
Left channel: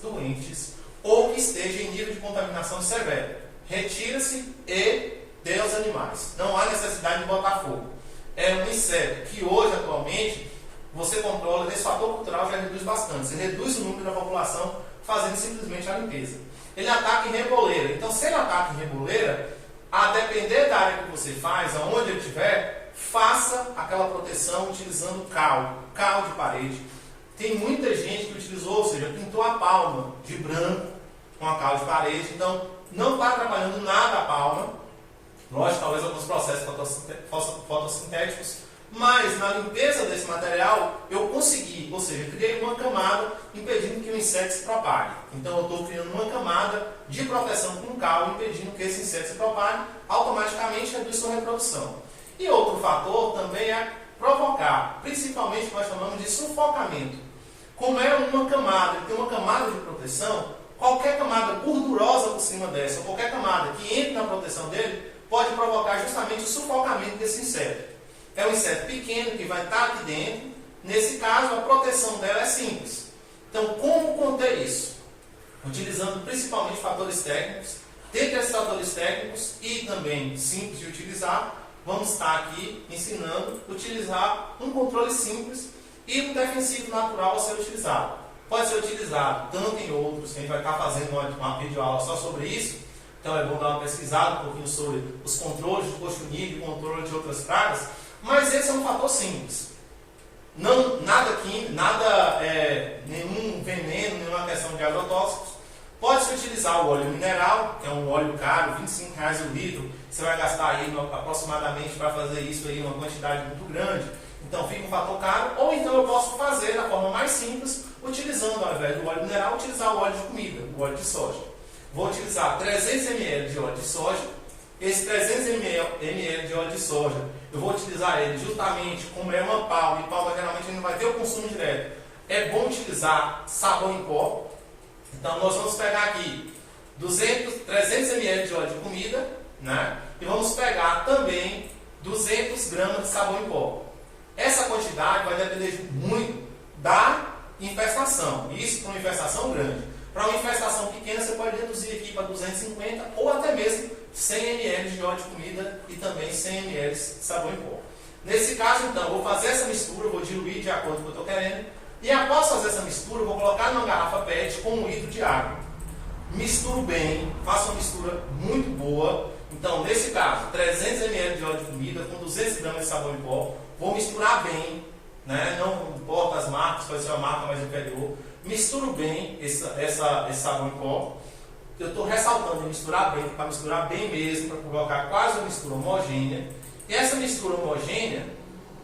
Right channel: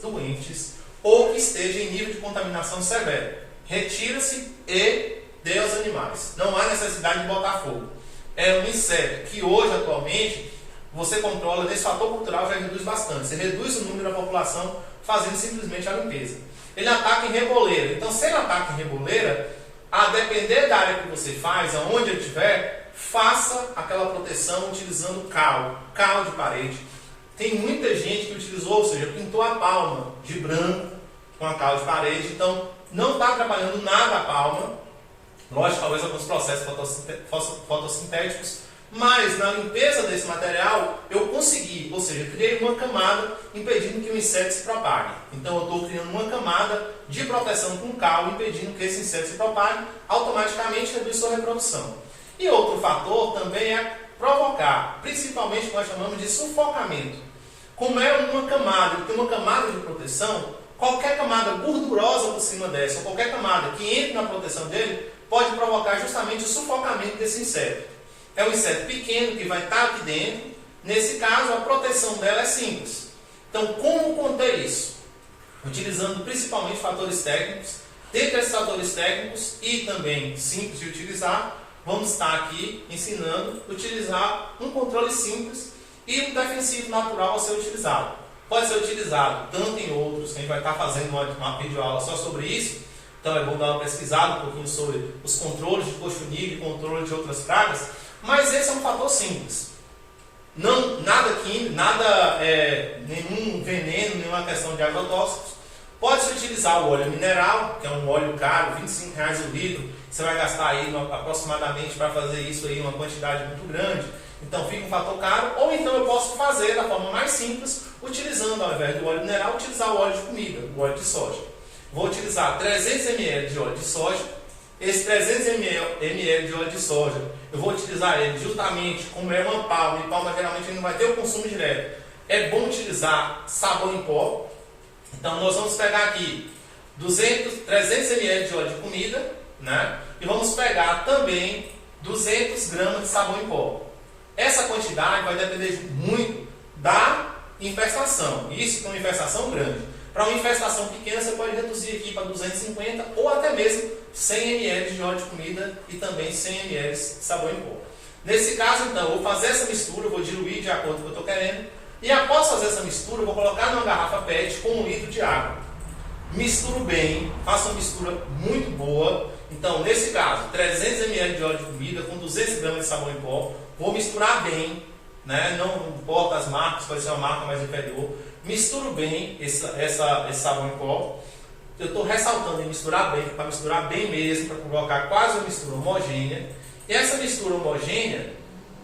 doentes ou que estejam em nível de contaminação severo. Retira-se e dê aos animais. Não há necessidade de botar fogo. É um inseto que hoje, atualmente, você controla, nesse fator cultural já reduz bastante. Você reduz o número da população fazendo simplesmente a limpeza. ele ataca em reboleira. Então, se ele ataca em reboleira, a depender da área que você faz, aonde ele estiver, faça aquela proteção utilizando cal de parede. Tem muita gente que utilizou, ou seja, pintou a palma de branco com a cal de parede, então não está atrapalhando nada a palma. Lógico, talvez alguns processos fotossintéticos, mas na limpeza desse material eu consegui, ou seja, criei uma camada impedindo que o inseto se propague. Então eu estou criando uma camada de proteção com cal, impedindo que esse inseto se propague, automaticamente reduz sua reprodução. E outro fator também é provocar, principalmente o que nós chamamos de sufocamento. Como é uma camada, tem uma camada de proteção, qualquer camada gordurosa por cima dessa, ou qualquer camada que entre na proteção dele, pode provocar justamente o sufocamento desse inseto. É um inseto pequeno que vai estar aqui dentro. Nesse caso, a proteção dela é simples. Então, como conter isso? Utilizando principalmente fatores técnicos. Dentre esses fatores técnicos e também simples de utilizar, vamos estar aqui ensinando a utilizar um controle simples e um defensivo natural a ser utilizado. Pode ser utilizado tanto em outros, que a gente vai estar fazendo uma videoaula só sobre isso. Então é bom dar uma pesquisada um pouquinho sobre os controles de cochonilha e controle de outras pragas. Mas esse é um fator simples. Não, nada químico, nenhum veneno, nenhuma questão de agrotóxicos. Pode-se utilizar o óleo mineral, que é um óleo caro, R$25 o litro. Você vai gastar aí aproximadamente para fazer isso aí uma quantidade muito grande. Então fica um fator caro. Ou então eu posso fazer da forma mais simples, utilizando ao invés do óleo mineral, utilizar o óleo de comida, o óleo de soja. Vou utilizar 300 ml de óleo de soja. Esse 300 ml de óleo de soja, eu vou utilizar ele justamente como é uma palma, e palma geralmente não vai ter o consumo direto. É bom utilizar sabão em pó. Então nós vamos pegar aqui 300 ml de óleo de comida, né? E vamos pegar também 200 gramas de sabão em pó. Essa quantidade vai depender muito da infestação. Isso para uma infestação grande. Para uma infestação pequena, você pode reduzir aqui para 250 ou até mesmo 100 ml de óleo de comida e também 100 ml de sabão em pó. Nesse caso, então, eu vou fazer essa mistura, vou diluir de acordo com o que eu estou querendo. E após fazer essa mistura, eu vou colocar numa garrafa PET com 1 litro de água. Misturo bem, faço uma mistura muito boa. Então, nesse caso, 300 ml de óleo de comida com 200 gramas de sabão em pó. Vou misturar bem, né? Não importa as marcas, pode ser uma marca mais inferior. Misturo bem esse sabão em pó. Eu estou ressaltando em misturar bem, para misturar bem mesmo, para colocar quase uma mistura homogênea. E essa mistura homogênea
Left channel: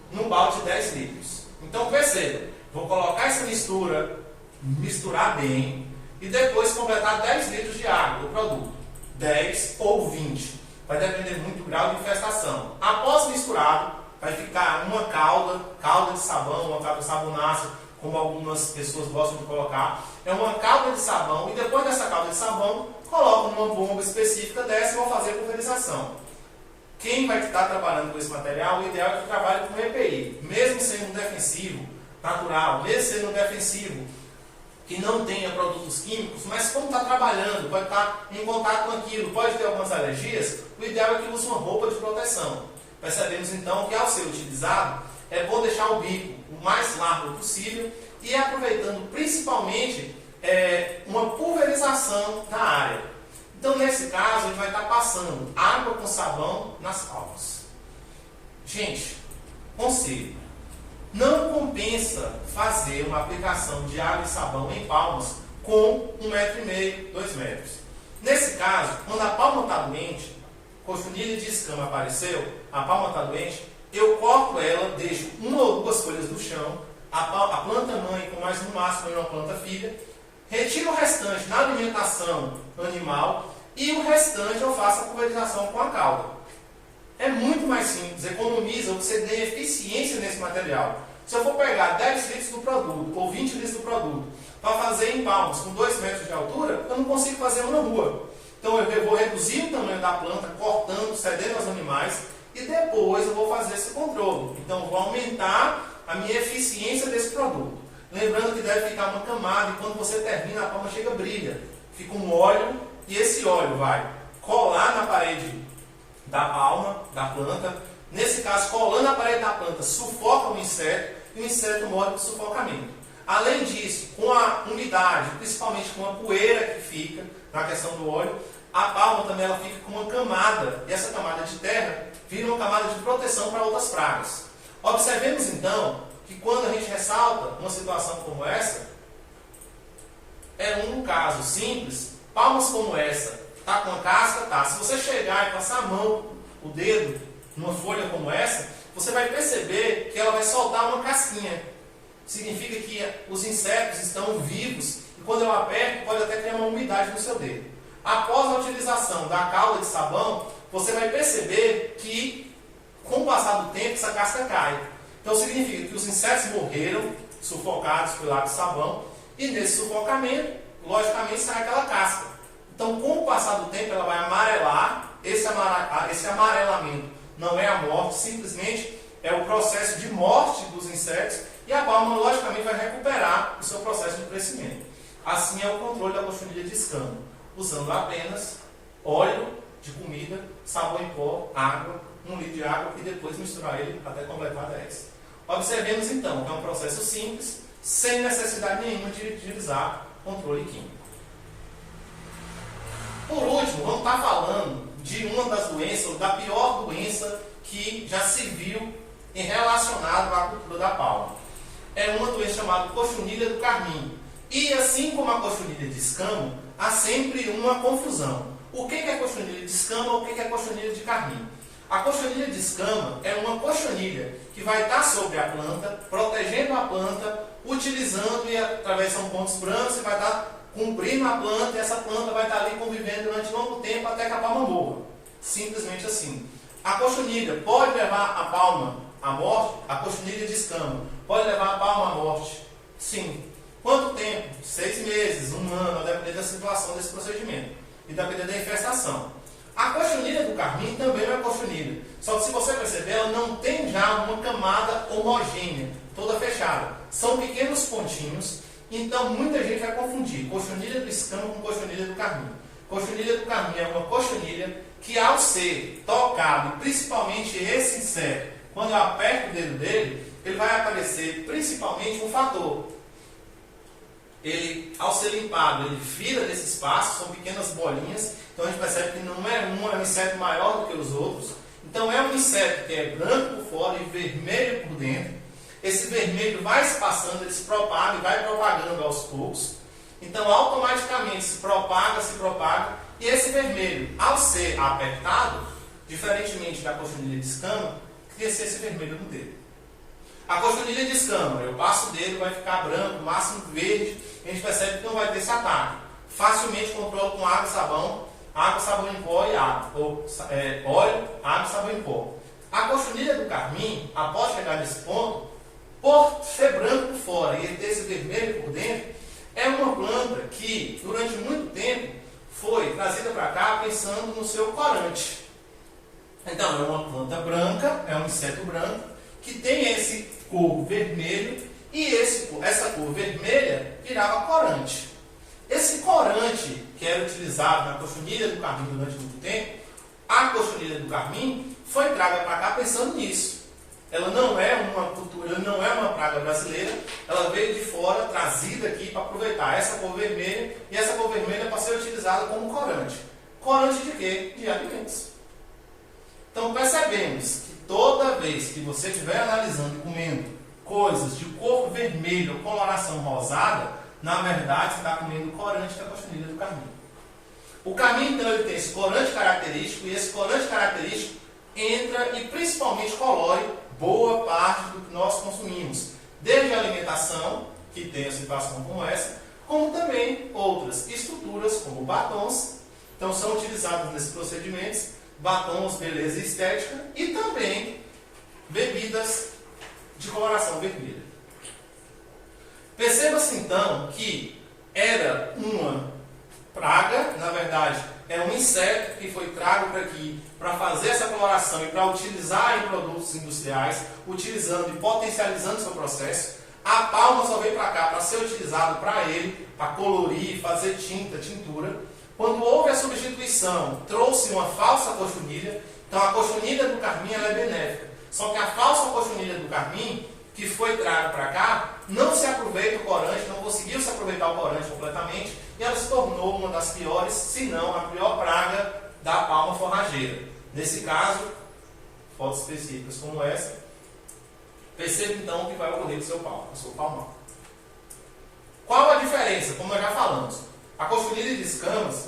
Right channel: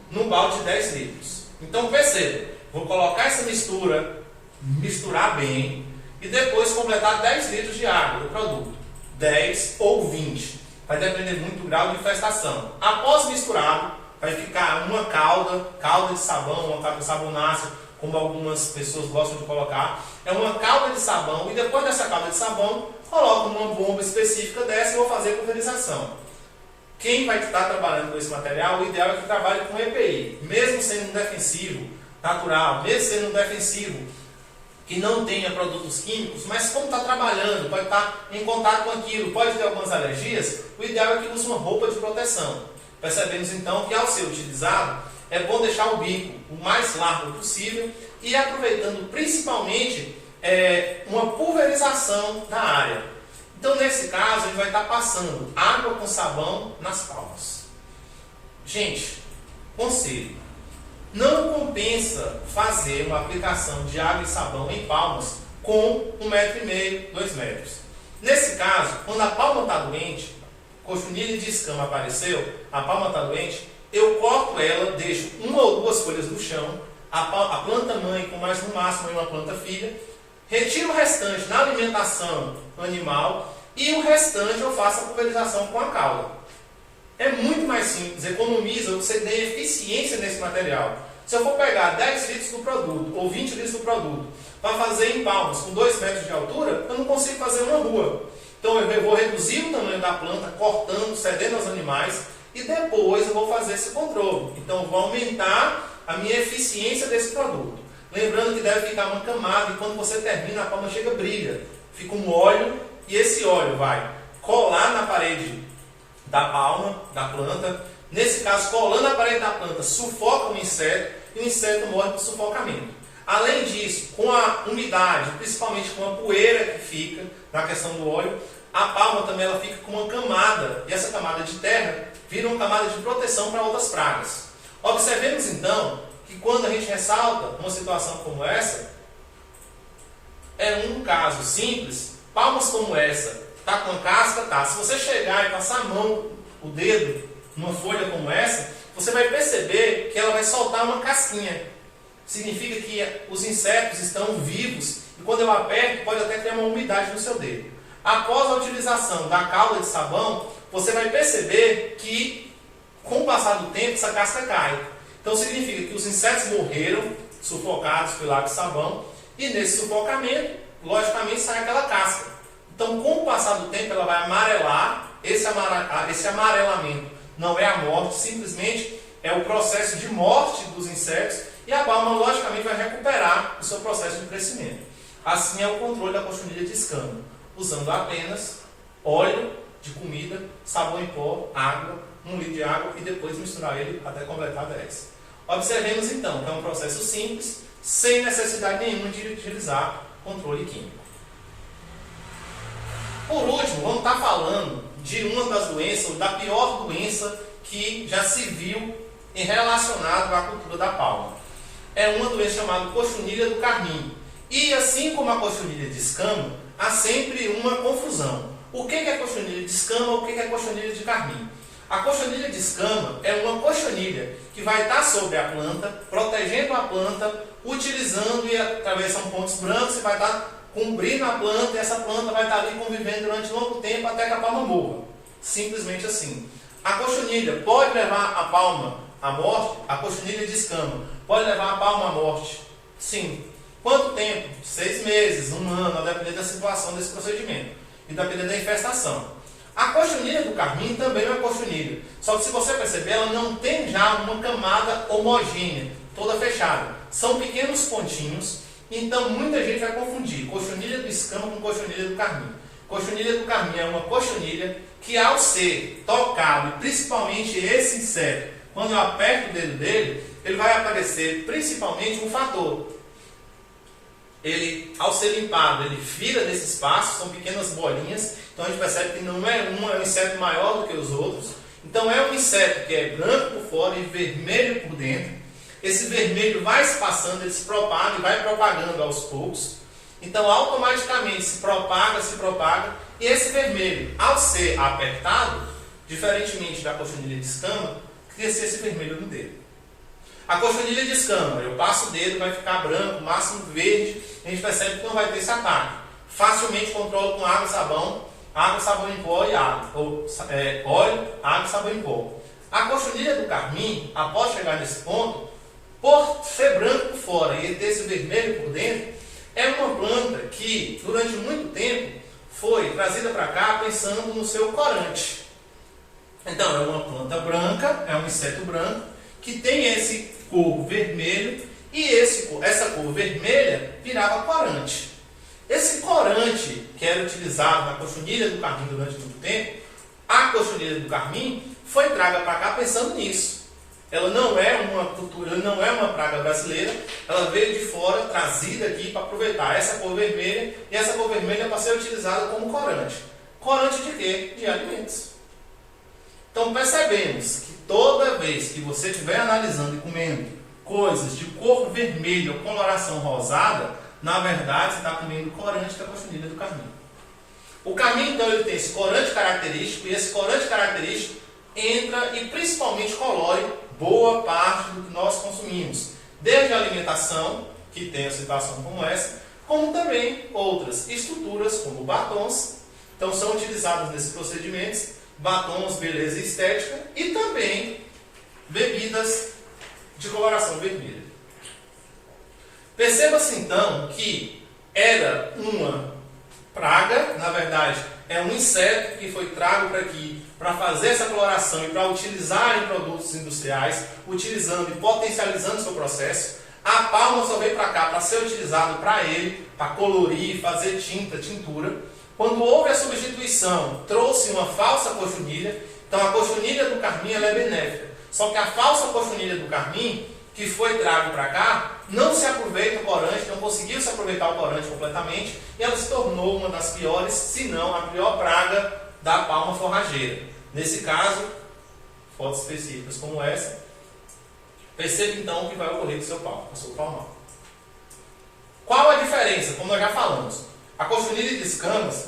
num balde de 10 litros. Então perceba, vou colocar essa mistura, misturar bem e depois completar 10 litros de água do produto. 10 ou 20. Vai depender muito do grau de infestação. Após misturado, vai ficar uma calda de sabão, uma calda de sabonáceo, como algumas pessoas gostam de colocar. É uma calda de sabão e depois dessa calda de sabão, coloco numa bomba específica dessa e vou fazer a pulverização. Quem vai estar trabalhando com esse material, o ideal é que trabalhe com EPI. Mesmo sendo um defensivo natural, mesmo sendo um defensivo que não tenha produtos químicos, mas como está trabalhando, pode estar em contato com aquilo, pode ter algumas alergias, o ideal é que use uma roupa de proteção. Percebemos então que ao ser utilizado, é bom deixar o bico o mais largo possível e aproveitando principalmente uma pulverização na área. Então nesse caso a gente vai estar passando água com sabão nas palmas. Gente, conselho, não compensa fazer uma aplicação de água e sabão em palmas com 1,5 metro, 2 metros. Nesse caso, quando a palma está doente, cochonilha de escama apareceu, a palma está doente, eu corto ela, deixo 1 ou 2 folhas no chão, a planta mãe com mais no máximo uma planta filha, retiro o restante na alimentação animal e o restante eu faço a pulverização com a cauda. É muito mais simples, economiza, você ganha eficiência nesse material. Se eu for pegar 10 litros do produto ou 20 litros do produto para fazer em palmas com 2 metros de altura, eu não consigo fazer uma rua. Então eu vou reduzir o tamanho da planta, cortando, cedendo aos animais, e depois eu vou fazer esse controle. Então eu vou aumentar a minha eficiência desse produto. Lembrando que deve ficar uma camada, e quando você termina, a palma chega brilha. Fica um óleo, e esse óleo vai colar na parede da palma, da planta. Nesse caso, colando na parede da planta, sufoca o inseto, e o inseto morre por sufocamento. Além disso, com a umidade, principalmente com a poeira que fica na questão do óleo, a palma também ela fica com uma camada, e essa camada de terra vira uma camada de proteção para outras pragas. Observemos então que quando a gente ressalta uma situação como essa, é um caso simples, palmas como essa, tá com a casca, tá. Se você chegar e passar a mão, o dedo, numa folha como essa, você vai perceber que ela vai soltar uma casquinha. Significa que os insetos estão vivos e quando eu aperto pode até criar uma umidade no seu dedo. Após a utilização da calda de sabão, você vai perceber que com o passar do tempo essa casca cai. Então significa que os insetos morreram, sufocados pelo água de sabão, e nesse sufocamento, logicamente, sai aquela casca. Então com o passar do tempo ela vai amarelar, esse amarelamento não é a morte, simplesmente é o processo de morte dos insetos, e a palma, logicamente, vai recuperar o seu processo de crescimento. Assim é o controle da cochonilha de escama, usando apenas óleo de comida, sabão em pó, água, 1 litro de água e depois misturar ele até completar 10. Observemos então que é um processo simples, sem necessidade nenhuma de utilizar controle químico. Por último, vamos estar falando de uma das doenças, ou da pior doença que já se viu relacionado à cultura da palma. É uma doença chamada cochonilha do carmim. E assim como a cochonilha de escama, há sempre uma confusão. O que é cochonilha de escama ou o que é cochonilha de carmim? A cochonilha de escama é uma cochonilha que vai estar sobre a planta, protegendo a planta, utilizando e atravessando pontos brancos e vai estar cobrindo a planta, e essa planta vai estar ali convivendo durante longo tempo até que a palma morra. Simplesmente assim. A cochonilha pode levar a palma à morte? A cochonilha de escama pode levar a palma à morte? Sim. Quanto tempo? 6 meses, 1 ano, a depender da situação desse procedimento e depender da infestação. A cochonilha do carmim também é uma cochonilha, só que se você perceber, ela não tem já uma camada homogênea, toda fechada. São pequenos pontinhos, então muita gente vai confundir cochonilha do escama com cochonilha do carmim. Cochonilha do carmim é uma cochonilha que, ao ser tocado, principalmente esse inseto, quando eu aperto o dedo dele, ele vai aparecer principalmente um fator. Ele, ao ser limpado, ele vira desse espaço, são pequenas bolinhas, então a gente percebe que não é um inseto maior do que os outros. Então é um inseto que é branco por fora e vermelho por dentro. Esse vermelho vai se passando, ele se propaga e vai propagando aos poucos. Então automaticamente se propaga, e esse vermelho, ao ser apertado, diferentemente da cochonilha de escama, cresce esse vermelho no dedo. A cochonilha de escama, eu passo o dedo, vai ficar branco, máximo verde, a gente percebe que não vai ter esse ataque. Facilmente controlo com água, sabão em pó e água, ou óleo, água, sabão em pó. A cochonilha do carmim, após chegar nesse ponto, por ser branco por fora e ter esse vermelho por dentro, é uma planta que, durante muito tempo, foi trazida para cá pensando no seu corante. Então, é uma planta branca, é um inseto branco, que tem esse cor vermelho, e essa cor vermelha virava corante. Esse corante, que era utilizado na cochonilha do carmim durante muito tempo, a cochonilha do carmim foi traga para cá pensando nisso. Ela não é uma cultura, não é uma praga brasileira, ela veio de fora, trazida aqui para aproveitar essa cor vermelha, e essa cor vermelha para ser utilizada como corante. Corante de quê? De alimentos. Então percebemos que toda vez que você estiver analisando e comendo coisas de cor vermelha ou coloração rosada, na verdade você está comendo corante, que é a cochonilha do carmim. O carmim, então, ele tem esse corante característico, e esse corante característico entra e principalmente colore boa parte do que nós consumimos, desde a alimentação, que tem a situação como essa, como também outras estruturas, como batons, então são utilizados nesses procedimentos, batons, beleza e estética, e também bebidas de coloração vermelha. Perceba-se então que era uma praga, na verdade, é um inseto que foi trago para aqui para fazer essa coloração e para utilizar em produtos industriais, utilizando e potencializando o seu processo. A palma só veio para cá para ser utilizado para ele, para colorir, fazer tintura. Quando houve a substituição, trouxe uma falsa cochonilha. Então a cochonilha do carmim ela é benéfica. Só que a falsa cochonilha do carmim, que foi trago para cá, não se aproveita o corante, não conseguiu se aproveitar o corante completamente, e ela se tornou uma das piores, se não a pior praga da palma forrageira. Nesse caso, fotos específicas como essa, perceba então o que vai ocorrer com o seu palmar. Qual a diferença? Como nós já falamos, a cochonilha de escamas,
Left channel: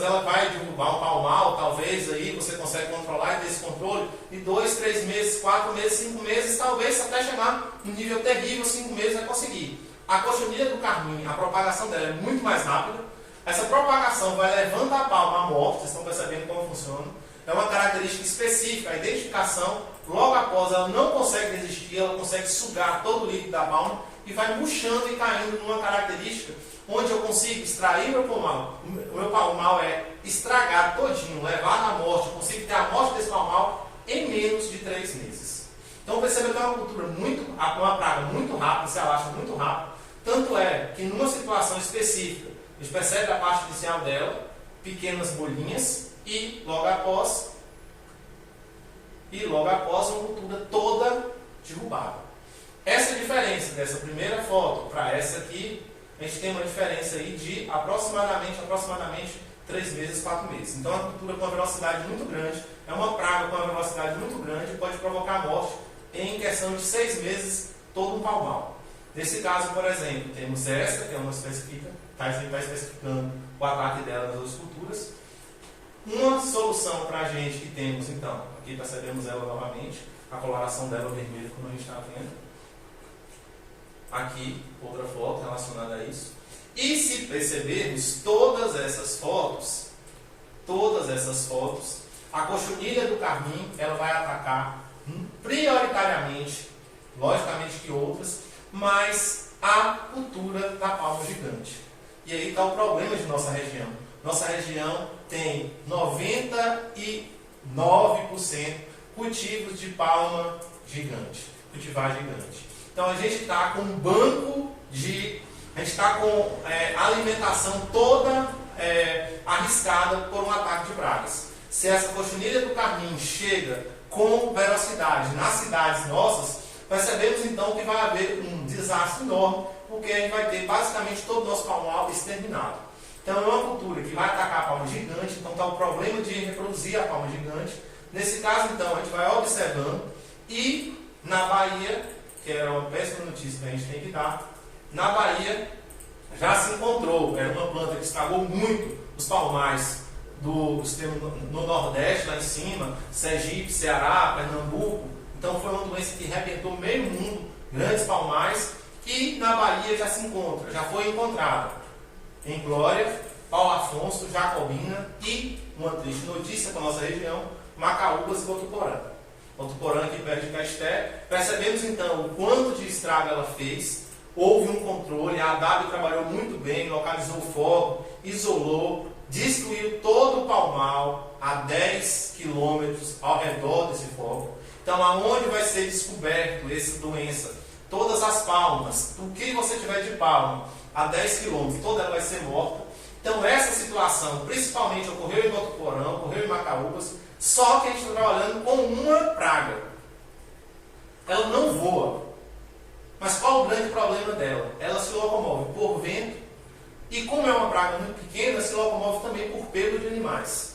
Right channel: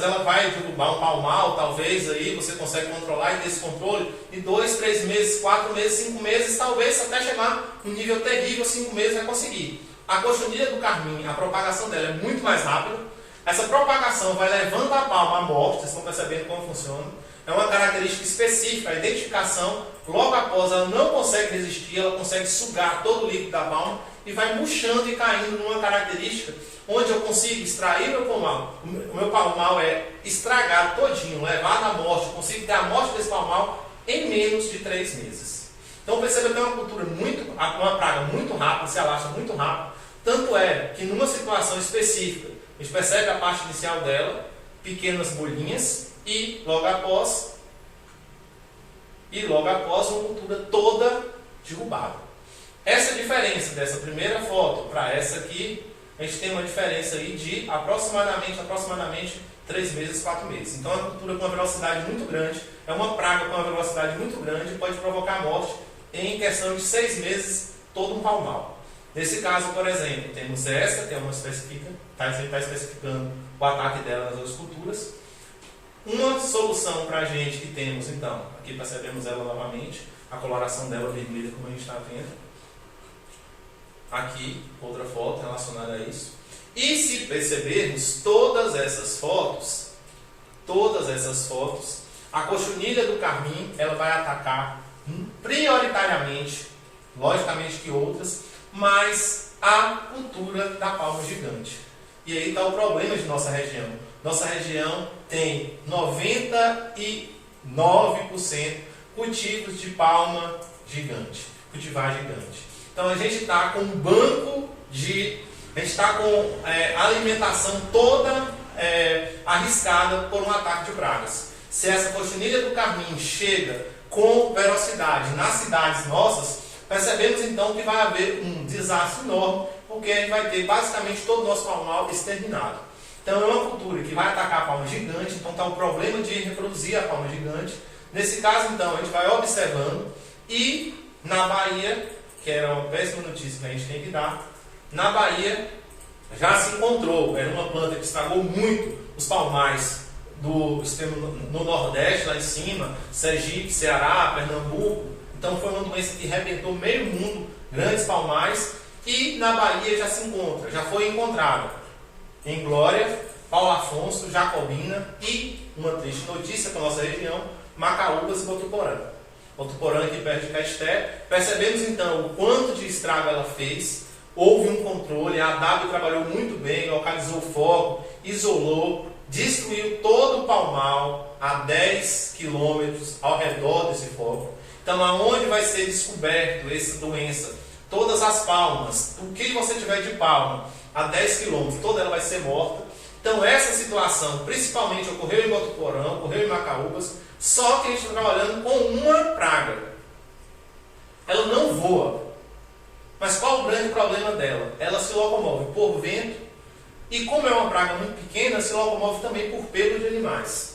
ela vai derrubar um palmal, talvez aí você consegue controlar e ter esse controle em 2, 3 meses, 4 meses, 5 meses, talvez até chegar num nível terrível, 5 meses vai conseguir. A cochonilha do carmim, a propagação dela é muito mais rápida. Essa propagação vai levando a palma à morte, vocês estão percebendo como funciona. É uma característica específica, a identificação, logo após ela não consegue resistir, ela consegue sugar todo o líquido da palma e vai murchando e caindo numa característica onde eu consigo extrair meu palmal. O meu palmal é estragado todinho, levado à morte, eu consigo ter a morte desse palmal em menos de 3 meses. Então perceba que é uma cultura uma praga muito rápida, se alastra muito rápido. Tanto é que numa situação específica, a gente percebe a parte inicial dela, pequenas bolinhas, e logo após uma cultura toda derrubada. Essa diferença dessa primeira foto para essa aqui, a gente tem uma diferença aí de aproximadamente 3 meses, 4 meses. Então é uma cultura com uma velocidade muito grande, é uma praga com uma velocidade muito grande e pode provocar morte em questão de 6 meses, todo um palmal. Nesse caso, por exemplo, temos essa, que é uma específica, está especificando o ataque dela nas outras culturas. Uma solução para a gente que temos, então, aqui percebemos ela novamente, a coloração dela vermelha, como a gente está vendo. Aqui, outra foto relacionada a isso. E se percebermos todas essas fotos, a cochonilha do carmim, ela vai atacar prioritariamente, logicamente que outras, mas a cultura da palma gigante. E aí está o problema de nossa região. Nossa região tem 99% cultivos de palma gigante, cultivar gigante. Então a gente está com um banco a gente está com a alimentação toda arriscada por um ataque de pragas. Se essa cochonilha do carmim chega com velocidade nas cidades nossas, percebemos então que vai haver um desastre enorme, porque a gente vai ter basicamente todo o nosso palmal exterminado. Então é uma cultura que vai atacar a palma gigante, então está o problema de reproduzir a palma gigante. Nesse caso então a gente vai observando, e na Bahia, que era uma péssima notícia que a gente tem que dar, na Bahia já se encontrou, era uma planta que estragou muito os palmais no Nordeste, lá em cima, Sergipe, Ceará, Pernambuco. Então foi uma doença que arrebentou meio mundo, grandes palmais, e na Bahia já se encontra, já foi encontrada em Glória, Paulo Afonso, Jacobina e, uma triste notícia para a nossa região, Macaúbas e Botuporã. Botuporã aqui perto de Pesté. Percebemos então o quanto de estrago ela fez, houve um controle, a ADAB trabalhou muito bem, localizou o foco, isolou, destruiu todo o palmal a 10 quilômetros ao redor desse foco. Então, aonde vai ser descoberto essa doença? Todas as palmas, o que você tiver de palma a 10 quilômetros, toda ela vai ser morta. Então, essa situação, principalmente, ocorreu em Botuporã, ocorreu em Macaúbas, só que a gente está trabalhando com uma praga. Ela não voa. Mas qual o grande problema dela? Ela se locomove por vento e, como é uma praga muito pequena, se locomove também por pelo de animais.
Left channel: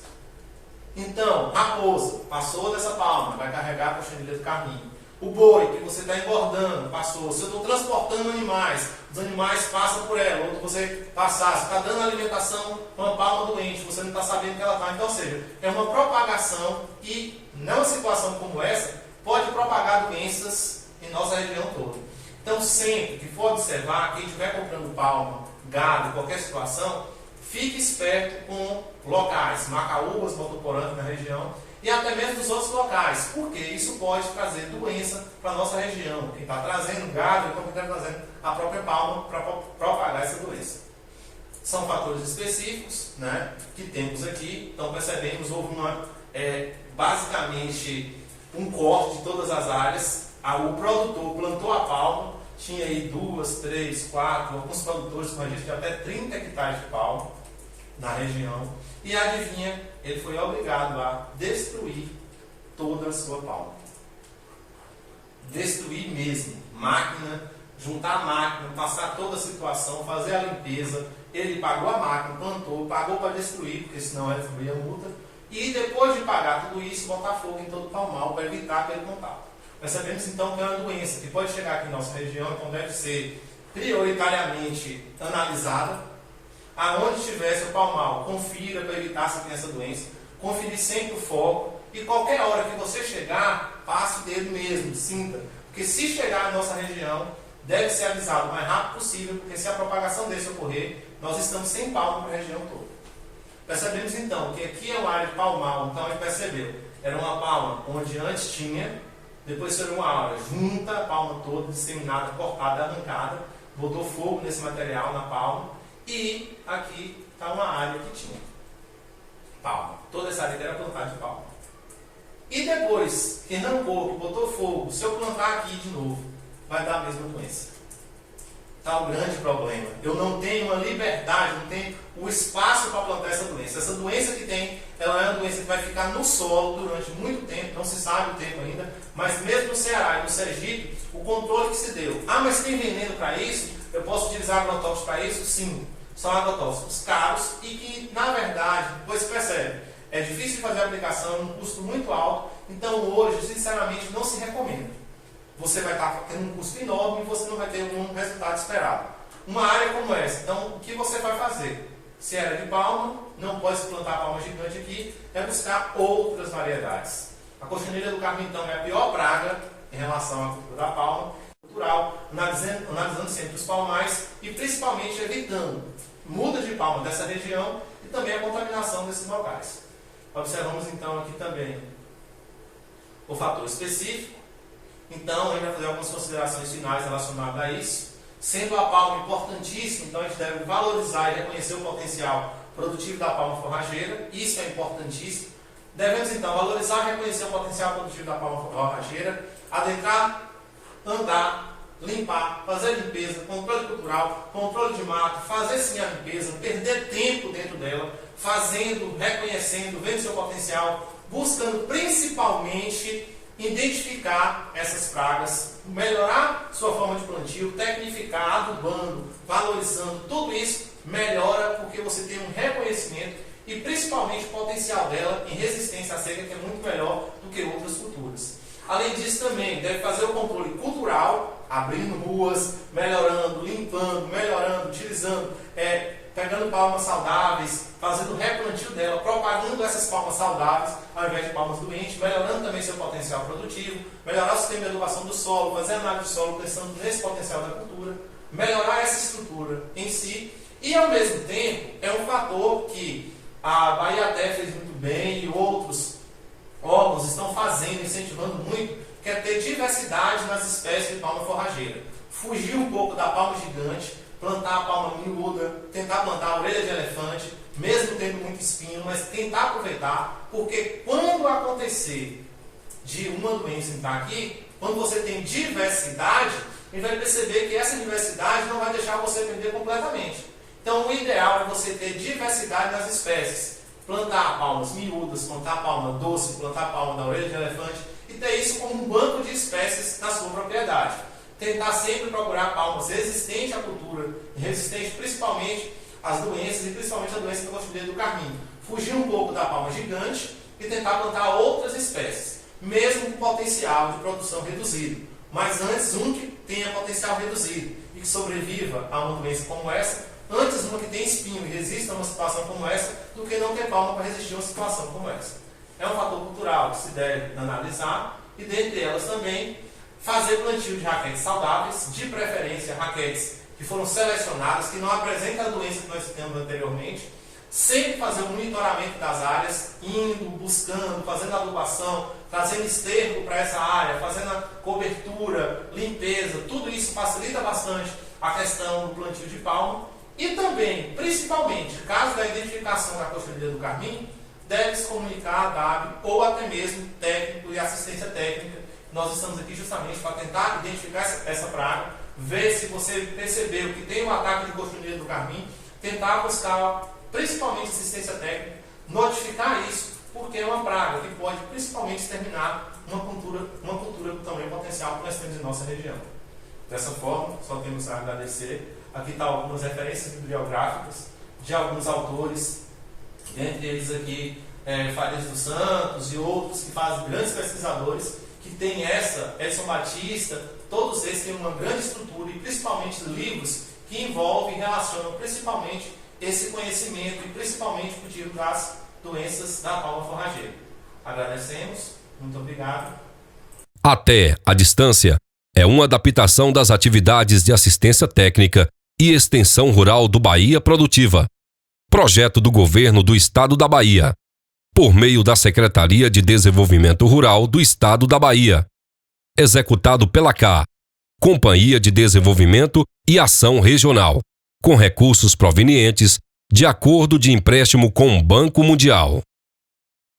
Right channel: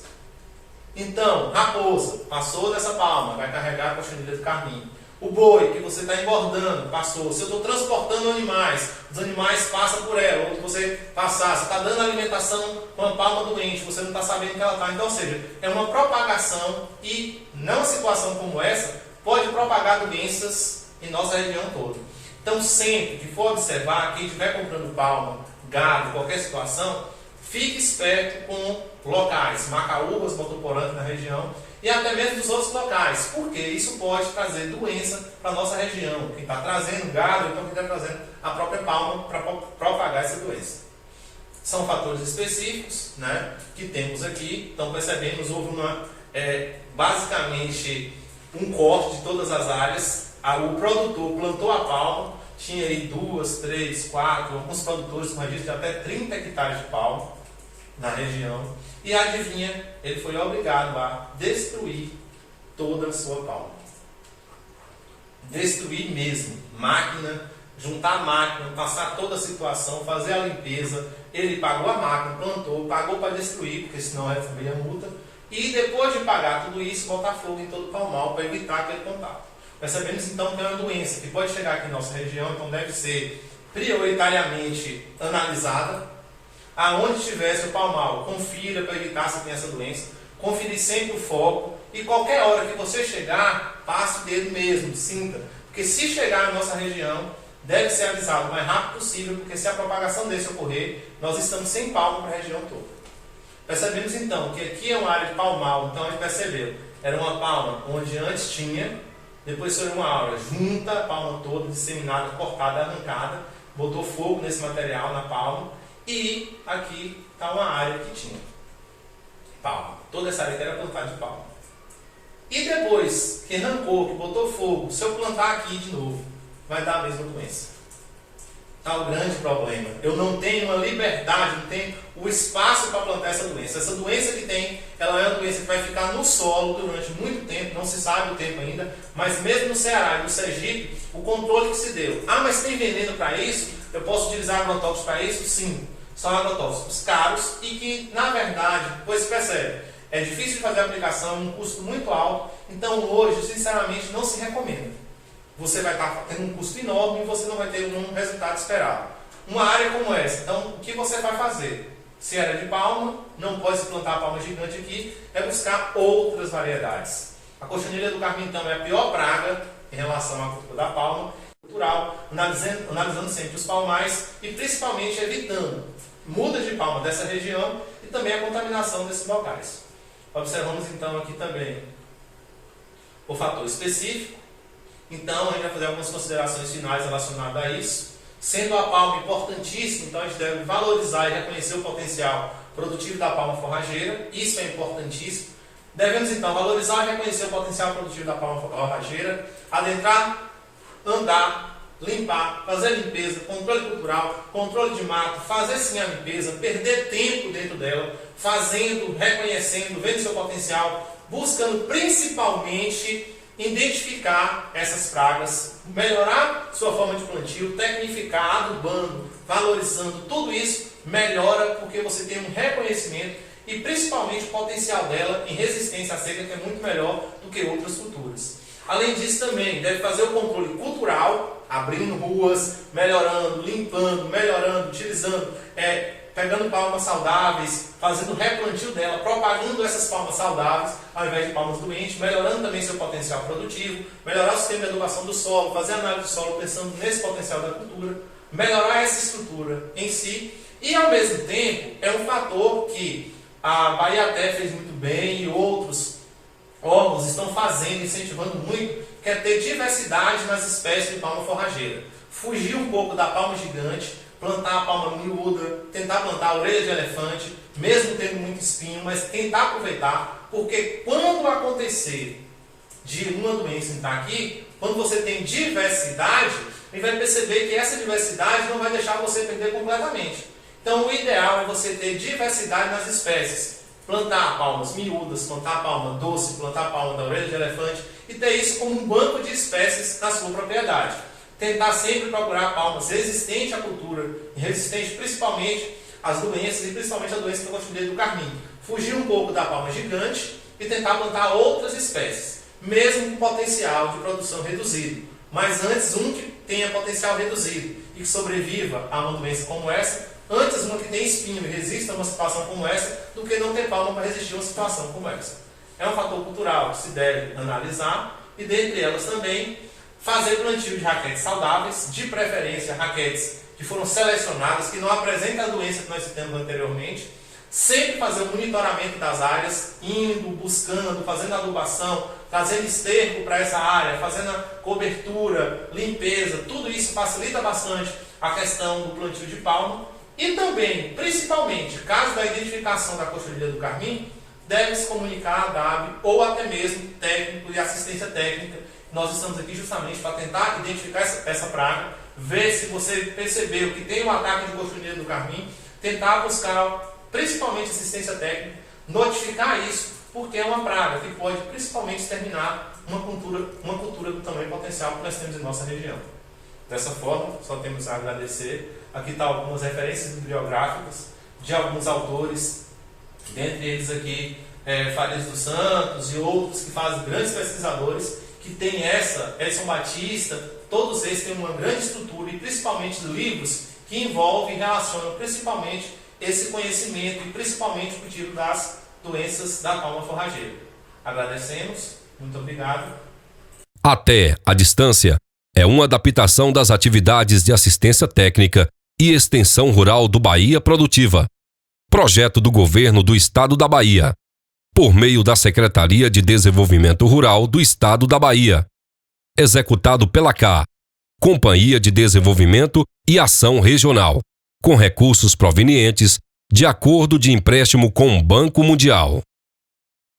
Então, raposa, passou dessa palma, vai carregar a cochonilha do carmim. O boi, que você está engordando, passou. Se eu estou transportando animais, os animais passam por ela. Ou se você passar, você está dando alimentação para uma palma doente, você não está sabendo que ela está. Então, ou seja, é uma propagação e, numa situação como essa, pode propagar doenças em nossa região toda. Então, sempre que for observar, quem estiver comprando palma, gado, qualquer situação, fique esperto com locais, Macaúbas, Botuporã na região, e até mesmo dos outros locais, porque isso pode trazer doença para a nossa região. Quem está trazendo gado, então quem está trazendo a própria palma para propagar essa doença. São fatores específicos, né, que temos aqui. Então percebemos, houve basicamente um corte de todas as áreas. O produtor plantou a palma, tinha aí 2, 3, 4, alguns produtores com registro de até 30 hectares de palma na região. E adivinha, ele foi obrigado a destruir toda a sua palma. destruir mesmo, máquina, juntar a máquina, passar toda a situação, fazer a limpeza. Ele pagou a máquina, plantou, pagou para destruir, porque senão ia receber a multa. E depois de pagar tudo isso, botar fogo em todo o palmal para evitar aquele contato. Percebemos então que é uma doença que pode chegar aqui em nossa região, então deve ser prioritariamente analisada. Aonde tivesse o palmal, confira para evitar se tem essa doença. Conferir sempre o foco. E qualquer hora que você chegar, passe o dedo mesmo, sinta. Porque se chegar na nossa região, deve ser avisado o mais rápido possível, porque se a propagação desse ocorrer, nós estamos sem palma para a região toda. Percebemos então que aqui é uma área de palmal, então a gente percebeu. Era uma palma onde antes tinha, depois foi uma área junta, a palma toda, disseminada, cortada, arrancada, botou fogo nesse material na palma, e aqui está uma área que tinha palma. Toda essa área era plantada de palma. E depois que arrancou, que botou fogo, se eu plantar aqui de novo, vai dar a mesma doença. Está o grande problema. Eu não tenho uma liberdade, não tenho o espaço para plantar essa doença. Essa doença que tem, ela é uma doença que vai ficar no solo durante muito tempo, não se sabe o tempo ainda, mas mesmo no Ceará e no Sergipe, o controle que se deu. Ah, mas tem veneno para isso? Eu posso utilizar agrotóxicos para isso? Sim. São agrotóxicos caros e que, na verdade, depois se percebe, é difícil de fazer a aplicação, um custo muito alto, então hoje, sinceramente, não se recomenda. Você vai estar tendo um custo enorme e você não vai ter um resultado esperado. Uma área como essa, então, o que você vai fazer? Se era de palma, não pode se plantar palma gigante aqui, é buscar outras variedades. A cochonilha do carmim, então, é a pior praga em relação à cultura da palma, cultural, analisando sempre os palmais e principalmente evitando mudas de palma dessa região e também a contaminação desses locais. Observamos então aqui também o fator específico. Então a gente vai fazer algumas considerações finais relacionadas a isso. Sendo a palma importantíssima, então a gente deve valorizar e reconhecer o potencial produtivo da palma forrageira. Isso é importantíssimo. Devemos então valorizar e reconhecer o potencial produtivo da palma forrageira, adentrar, andar, limpar, fazer limpeza, controle cultural, controle de mato, fazer sim a limpeza, perder tempo dentro dela, fazendo, reconhecendo, vendo seu potencial, buscando principalmente identificar essas pragas, melhorar sua forma de plantio, tecnificar, adubando, valorizando, tudo isso melhora porque você tem um reconhecimento e principalmente o potencial dela em resistência à seca, que é muito melhor do que outras culturas. Além disso também, deve fazer o controle cultural, abrindo ruas, melhorando, limpando, melhorando, utilizando, pegando palmas saudáveis, fazendo o replantio dela, propagando essas palmas saudáveis, ao invés de palmas doentes, melhorando também seu potencial produtivo, melhorar o sistema de adubação do solo, fazer análise do solo pensando nesse potencial da cultura, melhorar essa estrutura em si, e ao mesmo tempo é um fator que a Bahia fez muito bem e outros órgãos estão fazendo, incentivando muito, que é ter diversidade nas espécies de palma forrageira. Fugir um pouco da palma gigante, plantar a palma miúda, tentar plantar a orelha de elefante, mesmo tendo muito espinho, mas tentar aproveitar, porque quando acontecer de uma doença entrar aqui, quando você tem diversidade, você vai perceber que essa diversidade não vai deixar você perder completamente. Então o ideal é você ter diversidade nas espécies. Plantar palmas miúdas, plantar palma doce, plantar palma da orelha de elefante e ter isso como um banco de espécies na sua propriedade. Tentar sempre procurar palmas resistentes à cultura, resistentes principalmente às doenças e principalmente à doença da cochonilha do carmim. Fugir um pouco da palma gigante e tentar plantar outras espécies, mesmo com potencial de produção reduzido. Mas antes um que tenha potencial reduzido e que sobreviva a uma doença como essa, antes uma que tem espinho e resista a uma situação como essa, do que não ter palma para resistir a uma situação como essa. É um fator cultural que se deve analisar e, dentre elas também, fazer plantio de raquetes saudáveis, de preferência raquetes que foram selecionadas, que não apresentam a doença que nós citamos anteriormente, sempre fazer o monitoramento das áreas, indo, buscando, fazendo adubação, trazendo esterco para essa área, fazendo a cobertura, limpeza, tudo isso facilita bastante a questão do plantio de palma. E também, principalmente, caso da identificação da cochonilha do carmim, deve-se comunicar a DAB ou até mesmo técnico de assistência técnica. Nós estamos aqui justamente para tentar identificar essa praga, ver se você percebeu que tem um ataque de cochonilha do carmim, tentar buscar principalmente assistência técnica, notificar isso, porque é uma praga que pode principalmente exterminar uma cultura com tamanho potencial que nós temos em nossa região. Dessa forma, só temos a agradecer. Aqui estão algumas referências bibliográficas de alguns autores, dentre eles aqui Farias dos Santos e outros que fazem grandes pesquisadores, que tem Edson Batista, todos eles têm uma grande estrutura e principalmente livros que envolvem e relacionam principalmente esse conhecimento e principalmente o cultivo das doenças da palma forrageira. Agradecemos, muito obrigado. Até a distância é uma adaptação das atividades de assistência técnica e extensão rural do Bahia Produtiva. Projeto do Governo do Estado da Bahia, por meio da Secretaria de Desenvolvimento Rural do Estado da Bahia. Executado pela CA, Companhia de Desenvolvimento e Ação Regional, com recursos provenientes de acordo de empréstimo com o Banco Mundial.